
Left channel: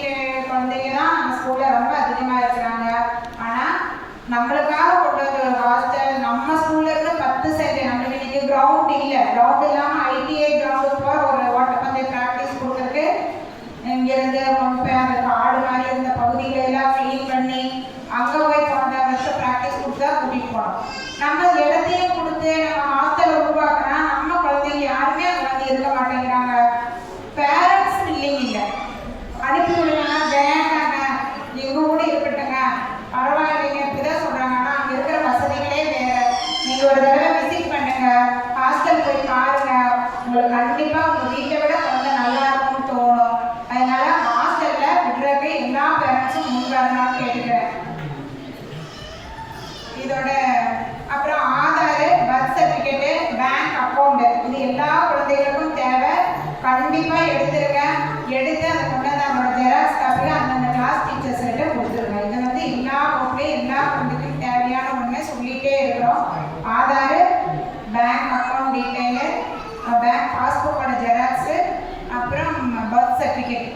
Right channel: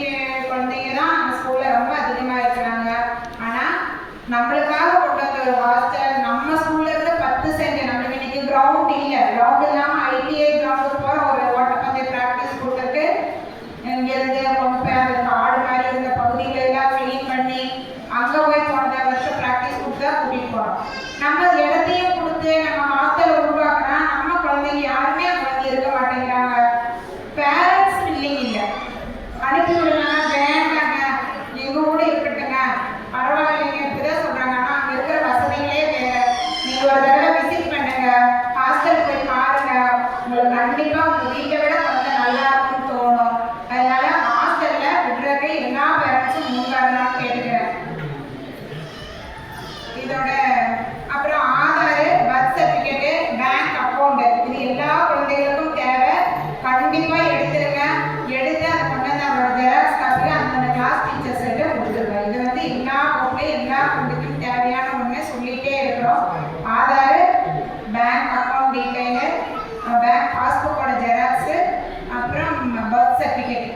குழந்தைங்க தான் அந்த ஸ்கூலில் ரொம்ப அதிகமாக இருக்கிறாங்க. ஆனால் நம்மளுக்காக கொண்டு வந்த ஒரு ஹாஸ்டல் நம்ம ஸ்கூல்ல இருந்து 10 சென்ட். நம்மளுக்கு இன்னைக்கு கிரவுண்ட் இல்லை, கிரவுண்ட் இல்லாமல் ஐடிஐ கிரவுண்டுக்கு போய் ஒரு ஓட்டப்பந்தய ப்ராக்டிஸ் கொடுக்கறதுக்கு இங்கேருந்து கொண்டு போய் அந்த காடு மாதிரி இருந்த பகுதிகளெல்லாம் க்ளீன் பண்ணி அங்கே போய் போன வருஷம் ப்ராக்டிஸ் கொடுத்தா கூட்டிகிட்டு போகிறோம். நம்ம இடத்தையும் கொடுத்து நம்ம ஹாஸ்டலை உருவாக்கினா நம்ம குழந்தைங்க யாருமே அங்கே வந்து இருக்க மாட்டேங்கிறாங்க. பேரண்ட்ஸ் இல்லைங்க, இல்லை அனுப்பி விடுவாங்க, வேண்டாங்க எங்கள் கூட இருக்கட்டுங்க, பரவாயில்லைங்க இப்படிதான் சொல்கிறாங்க. ஆனால் அங்கே இருக்கிற வசதிகளே வேறு. நீங்கள் ஒரு தடவை விசிட் பண்ணுங்க, ஹாஸ்டல் போய் பாருங்க, உங்களுக்கு கண்டிப்பாக உங்கள் வீட்டை விட கொஞ்சம் நல்லா இருக்கும்னு தோணும். அதனால ஹாஸ்டலில் விடுறதுக்கு எல்லா பேரண்ட்ஸும் முன்காரணம் கேட்டுக்கிறேன். இதோட அப்புறம் Aadhaar, birth certificate, bank account இது எல்லா குழந்தைகளுக்கும் தேவை. கண்டிப்பாக எடுத்துருங்க. எடுத்து அதை கொண்டு வந்து அவங்களோட ஜெராக்ஸ் காப்பி அந்தந்த கிளாஸ் டீச்சர்ஸ் கிட்ட கொடுத்துருங்க. இது வந்து எல்லா வகுப்புலையும் எல்லா குழந்தைக்கும் தேவையான ஒன்று சொல்லிகிட்டே இருக்கிறோம். Aadhaar, bank account detail, bank பாஸ்புக்கோட ஜெராக்ஸு, அப்புறம் பர்த் சர்டிஃபிகேட்.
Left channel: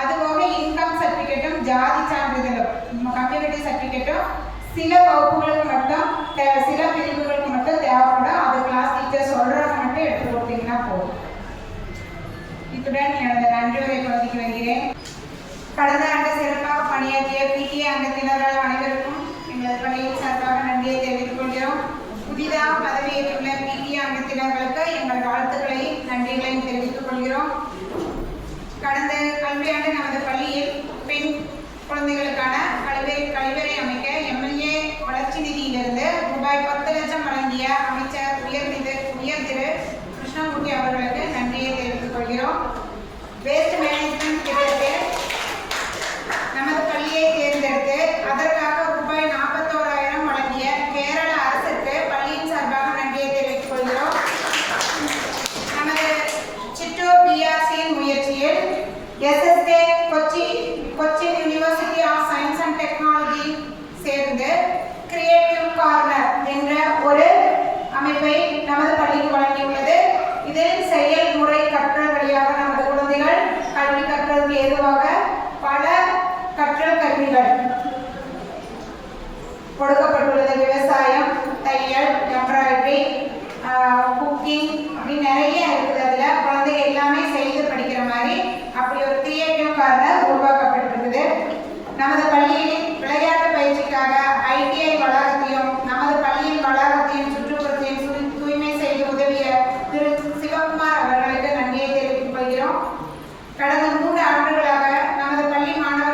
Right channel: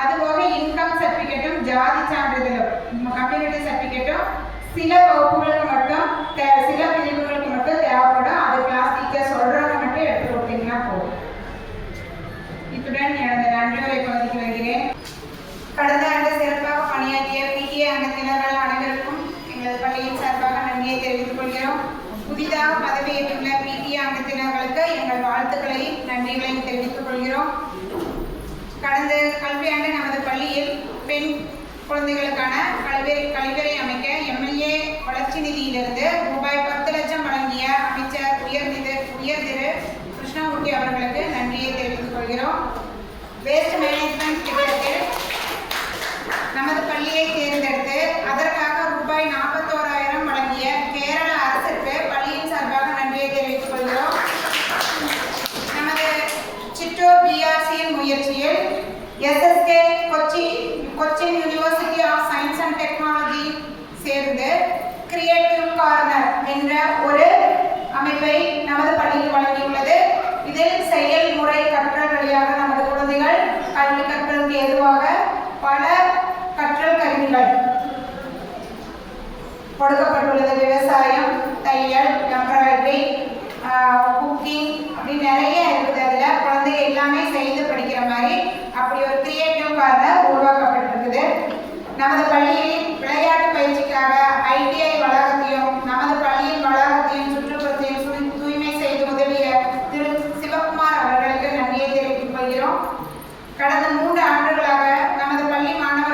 அதுபோக இன்கம் சர்டிஃபிகேட்டும் ஜாதி சான்றிதழும் கம்யூனிட்டி சர்டிஃபிகேட்டும் சில வகுப்புகளுக்கு மட்டும் சில பிரிவுகளுக்கு மட்டும் தேவைப்படும். அது கிளாஸ் டீச்சர் சொல்கிறவங்க மட்டும் எடுத்து கொடுத்தீங்கன்னா போதும். இத்துடன் எனது நன்றியுரை பதிவு வருகிறேன். கடந்த ஆண்டு சிறப்பாக பணியாற்றிய பிடிஏ அங்கத்தினர்கள் அனைவருக்கும் எங்களது பள்ளியின் சார்பாக நன்றியை தெரிவித்துக் கொள்கிறோம். புதிதாக பதவியேற்றுள்ள பிடிஏ அங்கத்தினர்களுக்கு எங்கள் வாழ்த்துக்களையும் நன்றிகளையும் தெரிவித்துக் கொள்கிறோம். கடந்த கல்வியாண்டு நமது பள்ளியில் பெண் குழந்தைகளுக்கான கழிவறை அமைக்க எம்எல்ஏ வளர்ச்சி நிதியிலிருந்து ரூபாய் 10 லட்சம் வழங்கிய அமைச்சர் உயர் திரு கிருஷ்ணமூர்த்தி அவர்களுக்கு நன்றியை தெரிவித்துக் கொள்கிறோம். வேஸ்ட் மேனேஜ்மெண்ட் திட்டத்தில் நமது பள்ளியை தேர்ந்தெடுத்து அதற்காக ரூபாய் 41,000 வழங்கிய கேரள அரசிற்கு பள்ளியின் சார்பாக நன்றியை தெரிவித்துக் கொள்கிறோம். நமது சிற்றூர் பிஆர்சியின் முயற்சியில் SSK Cochin university of science and technology சேர்ந்து கிரியேட்டிவ் கார்னர் என்ற ஒரு அமைப்பை நமது பள்ளிக்கு வழங்கியுள்ளது. இதில் செயல்முறை கற்றல் வழியாக நமது குழந்தைகள் கல்வி கற்றலுக்கு ஏதுவாக பல கற்றல் கருவிகள் கொடுக்கப்பட்டுள்ளது. விவசாயம், தையல், எம்ப்ராய்டரி, குக்கிங் அப்படி நிறைய இருக்குது. அதில் குழந்தைங்க எல்லாமே செய்து படிக்கிற மாதிரி அப்படி ஒரு கிரியேட்டிவ் கார்னர் உருவாக்கப்பட்டிருக்குது. நமது பள்ளியில் விளையாட்டு பயிற்சிக்காக ஐடிஐ வளாகத்தையும் நமது பள்ளியின் வளாகத்தையும் சுற்றுப்புறத்தையும் தூய்மை செய்து உதவிய திரு சிவகுமார் அவர்களுக்கு நன்றியை தெரிவித்துக் கொள்கிறோம். கடந்த 3 ஆண்டுகளாக நமது பள்ளி மாணவர்கள்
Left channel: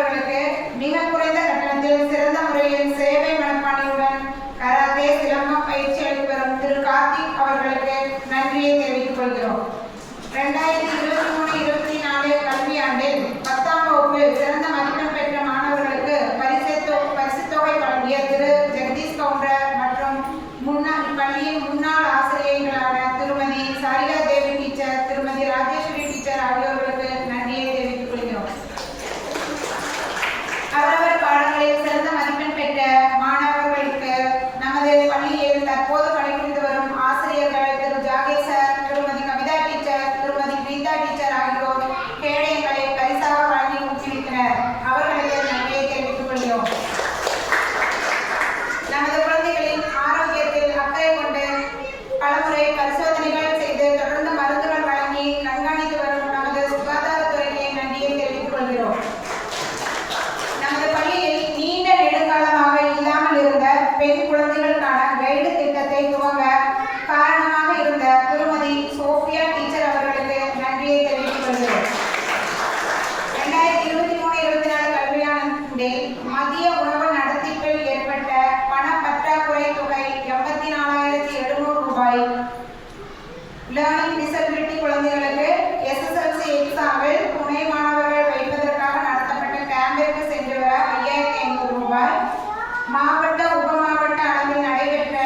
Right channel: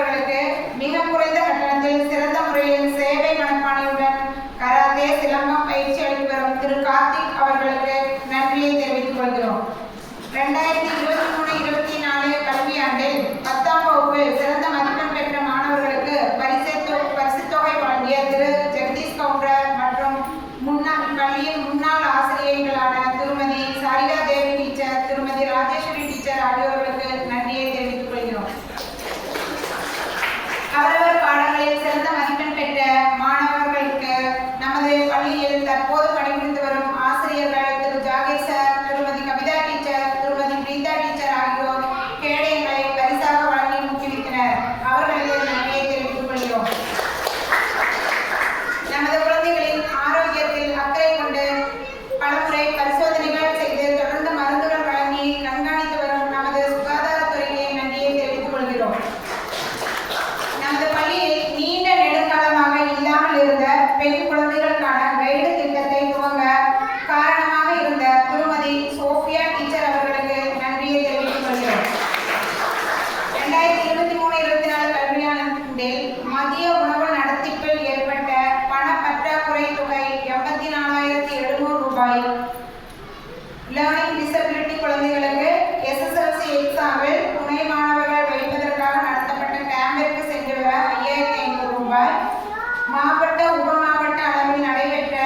மாவட்ட உப மாவட்ட அளவில் நடைபெற்ற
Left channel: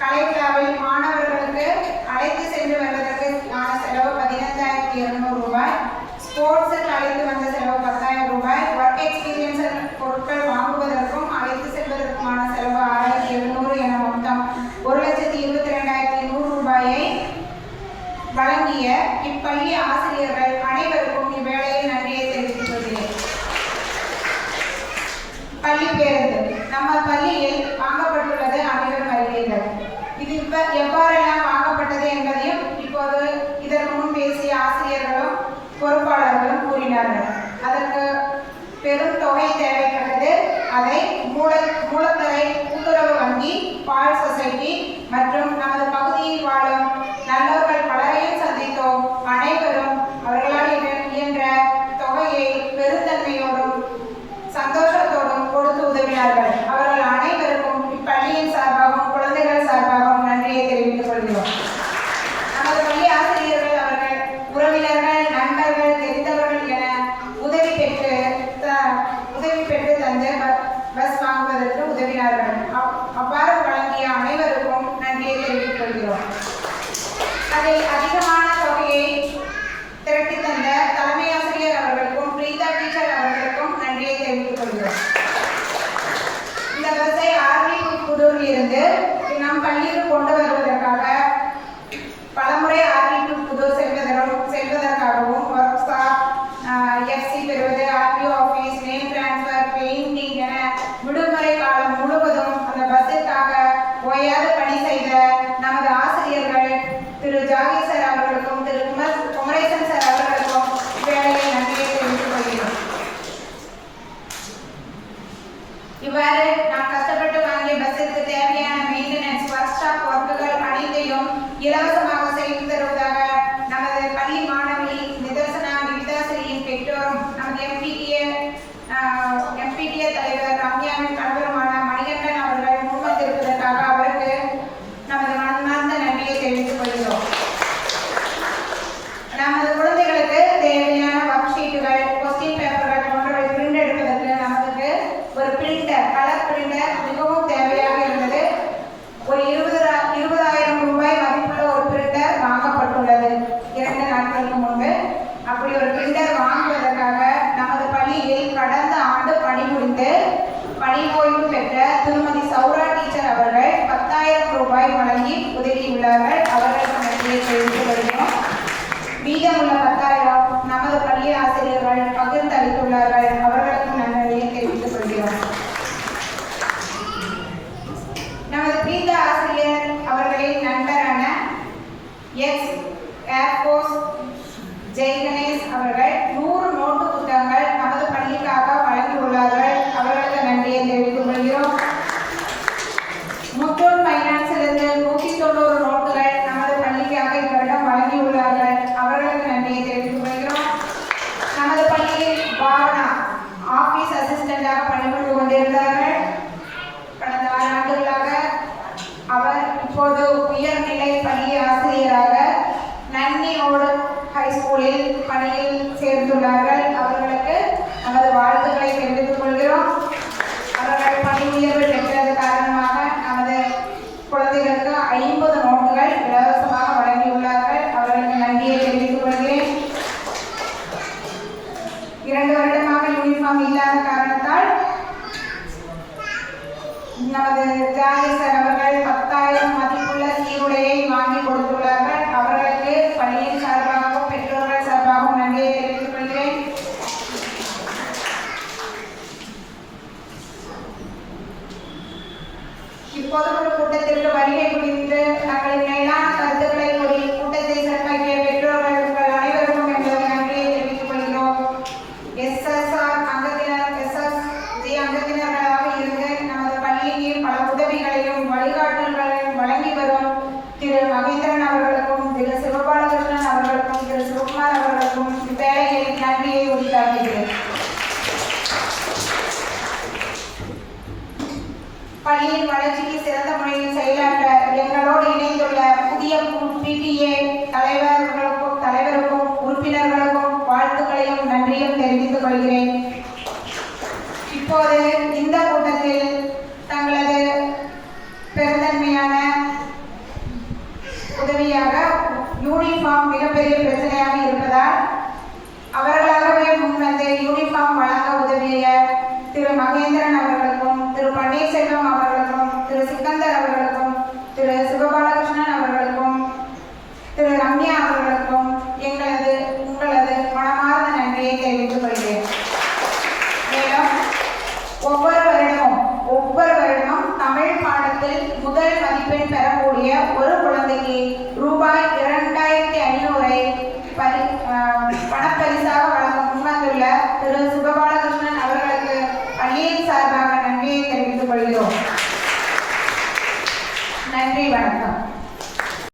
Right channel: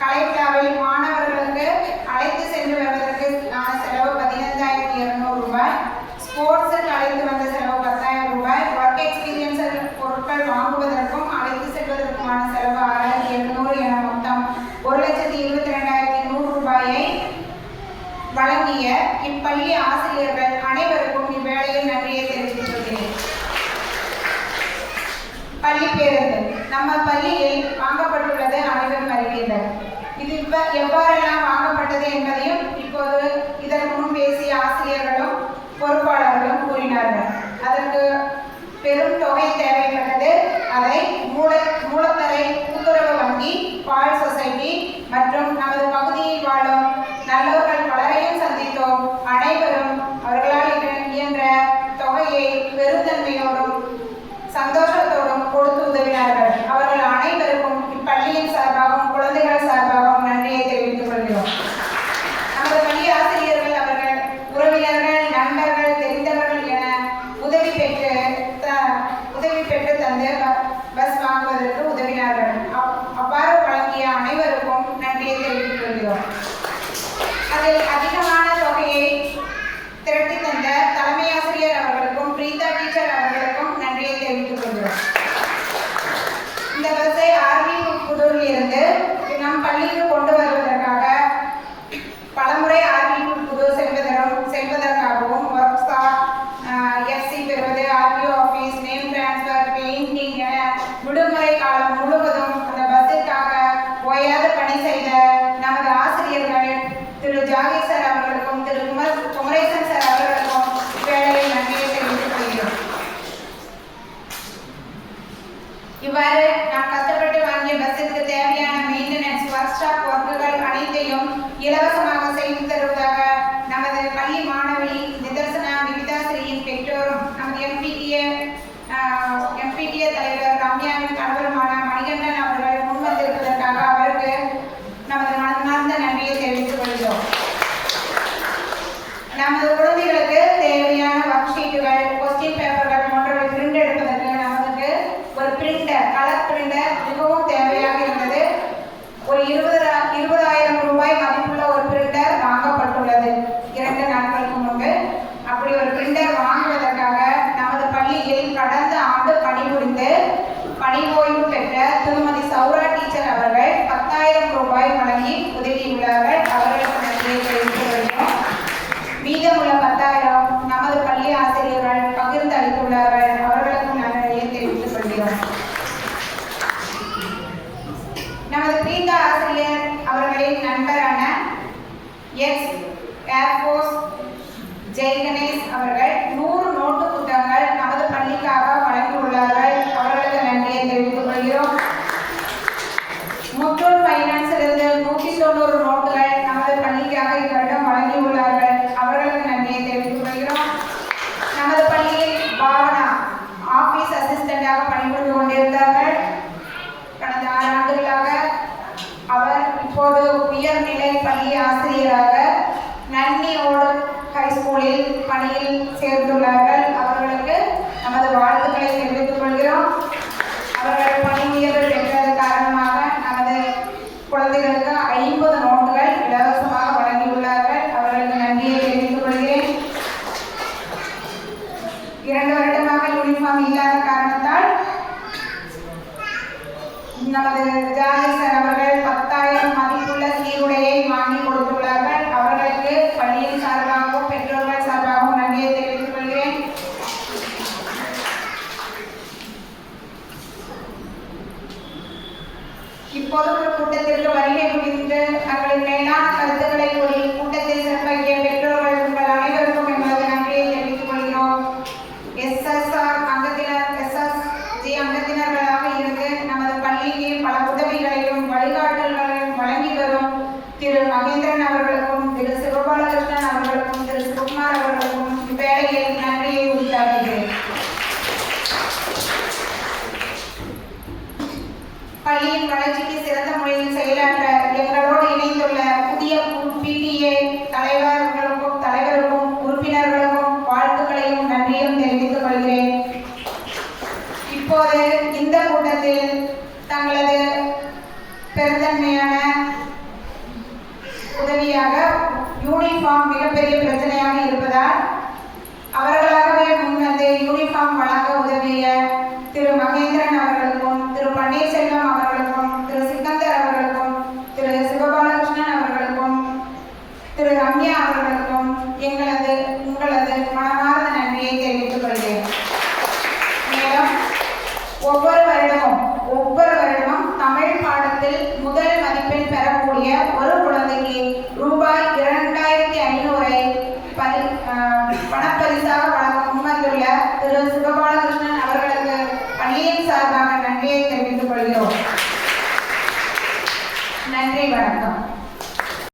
கலைவிழாவில் மாணவர்களுக்கு அழைத்து சென்று வருவதற்கு செலவு 15,200 ரூபாய், ஸ்போர்ட்ஸுக்கு அழைத்து வந்த செலவு 10,000 ரூபாய், ஒர்க் எக்ஸ்பீரியன்ஸ் பொருட்கள் வாங்குவதற்கும் அழைத்து செல்வதற்குமான செலவு 6,700 என மொத்தம் 1,22,100 ரூபாயை வழங்கிய இப்பள்ளி ஆசிரியர்கள் அனைவருக்கும் இவ்வேளையில் நன்றியை தெரிவித்துக் கொள்கிறேன். பள்ளி பேருந்து நம்ம பள்ளியில் வாங்கப்பட்டுள்ளது அனைவரும் அறிவீர்கள். இது எவ்வாறெல்லாம் வாங்கப்பட்டது என்பதையும் இப்போது இதற்கு முன் பேசிய ஆசிரியர்களும் பொறுப்பாளர்களும் கூறினார்கள். அதற்கு பெரும் தொகை தேவைப்பட்டது. அதை மூலத்தரை கூட்டுறவு வங்கி, பால் சொசைட்டி மற்றும் நமது பகுதியில் வாழும் நல்லவர்கள் பலரையும் சந்தித்தோம். அனைவரும் அவர்களால் இயன்ற தொகையை பெருந்தன்மையோடும் சந்தோஷத்தோடும் கொடுத்து உதவினார்கள். அவர்கள் அனைவருக்கும் இப்பள்ளியின் சார்பாகவும் குழந்தைகள் சார்பாகவும் நன்றியை தெரிவித்துக் கொள்கிறோம். நமது பள்ளி ஆசிரியர்கள் அவர்கள் உறவினர்கள், நண்பர்கள், தெரிந்தவர்கள் என உதவி பெற்று தந்து பஸ் வாங்குவதற்கு உதவினார்கள். அவ்வாறு வழங்கிய அனைவருக்கும் நன்றியை தெரிவித்துக் கொள்கிறோம். அதில் அதிகமான தொகையை திரட்டி தந்த தலைமை ஆசிரியர் அவர்களுக்கும் பிரீதா டீச்சர் அவர்களுக்கும் நன்றியை தெரிவித்துக் கொள்கிறோம். இந்த பஸ்ஸை ஆர்வி புதூரில் இருந்து நம் பள்ளிக்கு கொண்டு வருவதற்காக பலமுறை ஆர்வி புதூர் செல்வதற்காகவும் ஒர்க் ஷாப், எஃப்சி பெறுவது, RTO office, name transfer, painting என விடுமுறை காலம் முழுவதும் அந்த பஸ்ஸிற்காக ஓயாது பணி செய்த நமது ஆசிரியர்கள் திரு ஜாகிர் சார் அவர்களுக்கும் திரு குமரேசன் சார் அவர்களுக்கும் வேலையை நன்றியை தெரிவித்துக் கொள்கிறோம். இவ்வாறு நாம் கஷ்டப்பட்டு வாங்கிய பஸ்ஸிற்கு தேவையான மெயின்டெனன்ஸ், ஒர்க் ஷாப் ஒர்க்குகள் அனைத்தையும் இலவசமாக செய்து தருவதாக நமது பள்ளி மாணவி நிதர்சனா விவிதாசிரியின் பெற்றோரும் நமது எம்பிடிஏ தலைவர் ரம்யாவின் கணவருமான மணிகண்டன் அவர்கள் முன்வந்திருப்பதற்காக அவருக்கு நமது மனமார்ந்த நன்றியை தெரிவித்துக் கொள்கிறோம். நமது குழந்தைகளுக்கு தேவையான ஒர்க் ஷீட்டுகள், கொஸ்டின் பேப்பர்கள் போன்றவை பிரிண்ட் எடுப்பதற்கு நமக்கு ஒரு பிரிண்டர், கலர் பிரிண்டர் மிகவும் தேவையாக இருந்தது. ஒரு 20,000 ரூபாய் மதிப்புள்ள ஒரு பிரிண்டர் வாங்கப்பட்டுள்ளது 2 நாட்களுக்கு முன்பு. அப்படி ஒரு பிரிண்டர் வாங்குவதற்காக நமது பள்ளியில் கடந்த ஆண்டு பணிபுரிந்து பணி ஓய்வு பெற்ற திருமதி சௌரா டீச்சர் அவர்கள் 10,000 ரூபாய் வழங்கி உதவியுள்ளார்கள். அவர்களுக்கு நன்றியை தெரிவித்துக் கொள்கிறோம். மீதமுள்ள 10,000 நமது பள்ளி ஆசிரியர்கள் பகிர்ந்து அளித்துள்ளார்கள். அவர்களுக்கும் நன்றியை தெரிவித்துக் கொள்கிறோம். நமது பிரீதா ஆசிரியர் அவர்களின் நண்பரான எக்ஸ் ஏர்போர்ஸ் ஜெய்கணேஷ் அவர்கள் 100 நோட்டு புத்தகங்கள் நமது பள்ளிக்காக வழங்கியுள்ளார்கள். அவர்களுக்கு நன்றியை தெரிவித்துக் கொள்கிறோம். முத்தூட் ஃபைனான்ஸிலிருந்து 190 நோட்டுகள் நமது பள்ளிக்காக இவரிடம் வழங்கியுள்ளார்கள். அவர்களுக்கு நன்றியை தெரிவித்துக் கொள்கிறோம். நமது பள்ளியில் பாவனா ஆபீஸ் அசிஸ்டண்டாக பணிபுரிந்து கொண்டிருந்தார்கள். கடந்த 6 ஆண்டுகளாக அவர் இப்போது உயர்நிலை பள்ளி ஆசிரியராக நன்னியோடு ஹைஸ்கூலில் பணியில் சேர்ந்துள்ளார்கள். அவர்களுக்கு நமது வாழ்த்துக்களை தெரிவித்துக் கொள்கிறோம். அவர்கள் பணி உயர்வு பெற்றது காரணமாக நமது குழந்தைகளுக்கு 50 நோட்டுகள் இலவசமாக வழங்கியுள்ளார்கள். அவர்களுக்கு நன்றியை தெரிவித்துக் கொள்கிறேன். 2 வருடமாக யூனிஃபார்ம் இல்லாத காரணத்தால் நமது ஜாகிர் சார் அவர்கள் 10,000 மதிப்புள்ள சீருடையை வாங்கி கொடுத்துள்ளார்கள். அவர்களுக்கு பள்ளியின் சார்பாகவும் பெற்றோர்கள் சார்பாகவும் நன்றியை தெரிவித்துக் கொள்கிறேன். இப்போது ஒரு கூட்டத்திற்கு வருகை புரிந்து தங்களின் மேலான கருத்துக்களை கூறி கூட்டத்தை சிறப்பாக்கிய பெற்றோர்கள் உங்கள் அனைவருக்கும் எங்களது நன்றியை தெரிவித்துக் கொள்கிறோம். SSG அங்கத்தினர்களாக இருந்து நமது பள்ளிக்கு பல உதவிகளையும் வழிகாட்டல்களையும் வழங்கி வரும் திரு மகேந்திரன் அவர்களுக்கும் திரு சிவபாலகிருஷ்ணன் அவர்களுக்கும் திரு சிவகுமார் அவர்களுக்கும் இவ்வேளையில் நன்றியை உரித்தாக்குகிறேன். பள்ளியின் வளர்ச்சிக்கு சிறந்த முறையில் செயலாற்ற எங்களோடு இணைந்துள்ள புதிய PTA தலைவருக்கும் உறுப்பினர்களுக்கும் வாழ்த்துக்களையும் நன்றியும் தெரிவித்துக் கொள்கிறேன். இப்போது இந்த கூட்டத்தில் யூனிஃபார்ம் மிகப்பெரிய பிரச்சனையாக இருப்பதால் அவர்களாகவே முன்வந்து யூனிஃபார்ம் வழங்க உதவிய திரு மகேந்திரன் அவர்களுக்கும், திரு பன்னீர்செல்வம் அவர்களுக்கும், திரு சிக்கந்தர் அவர்களுக்கும், திரு சிவபாலகிருஷ்ணன் அவர்களுக்கும், திரு ரம்யா அவர்களுக்கும் உங்களது மனமார்ந்த நன்றியை தெரிவித்துக் கொள்கிறேன். மேலும் ஒவ்வொரு வருடமும் தமிழ் பாடத்தில் முதல் மதிப்பெண் பெறக்கூடிய ஒரு குழந்தைக்கு ரூபாய் 2500 பணப்பரிசாக வழங்க முன்வந்துள்ள திரு சிவபாலகிருஷ்ணன் அவர்களுக்கு பள்ளியின் சார்பாக நன்றியை தெரிவித்துக் கொள்கிறோம். நன்றி, வணக்கம்.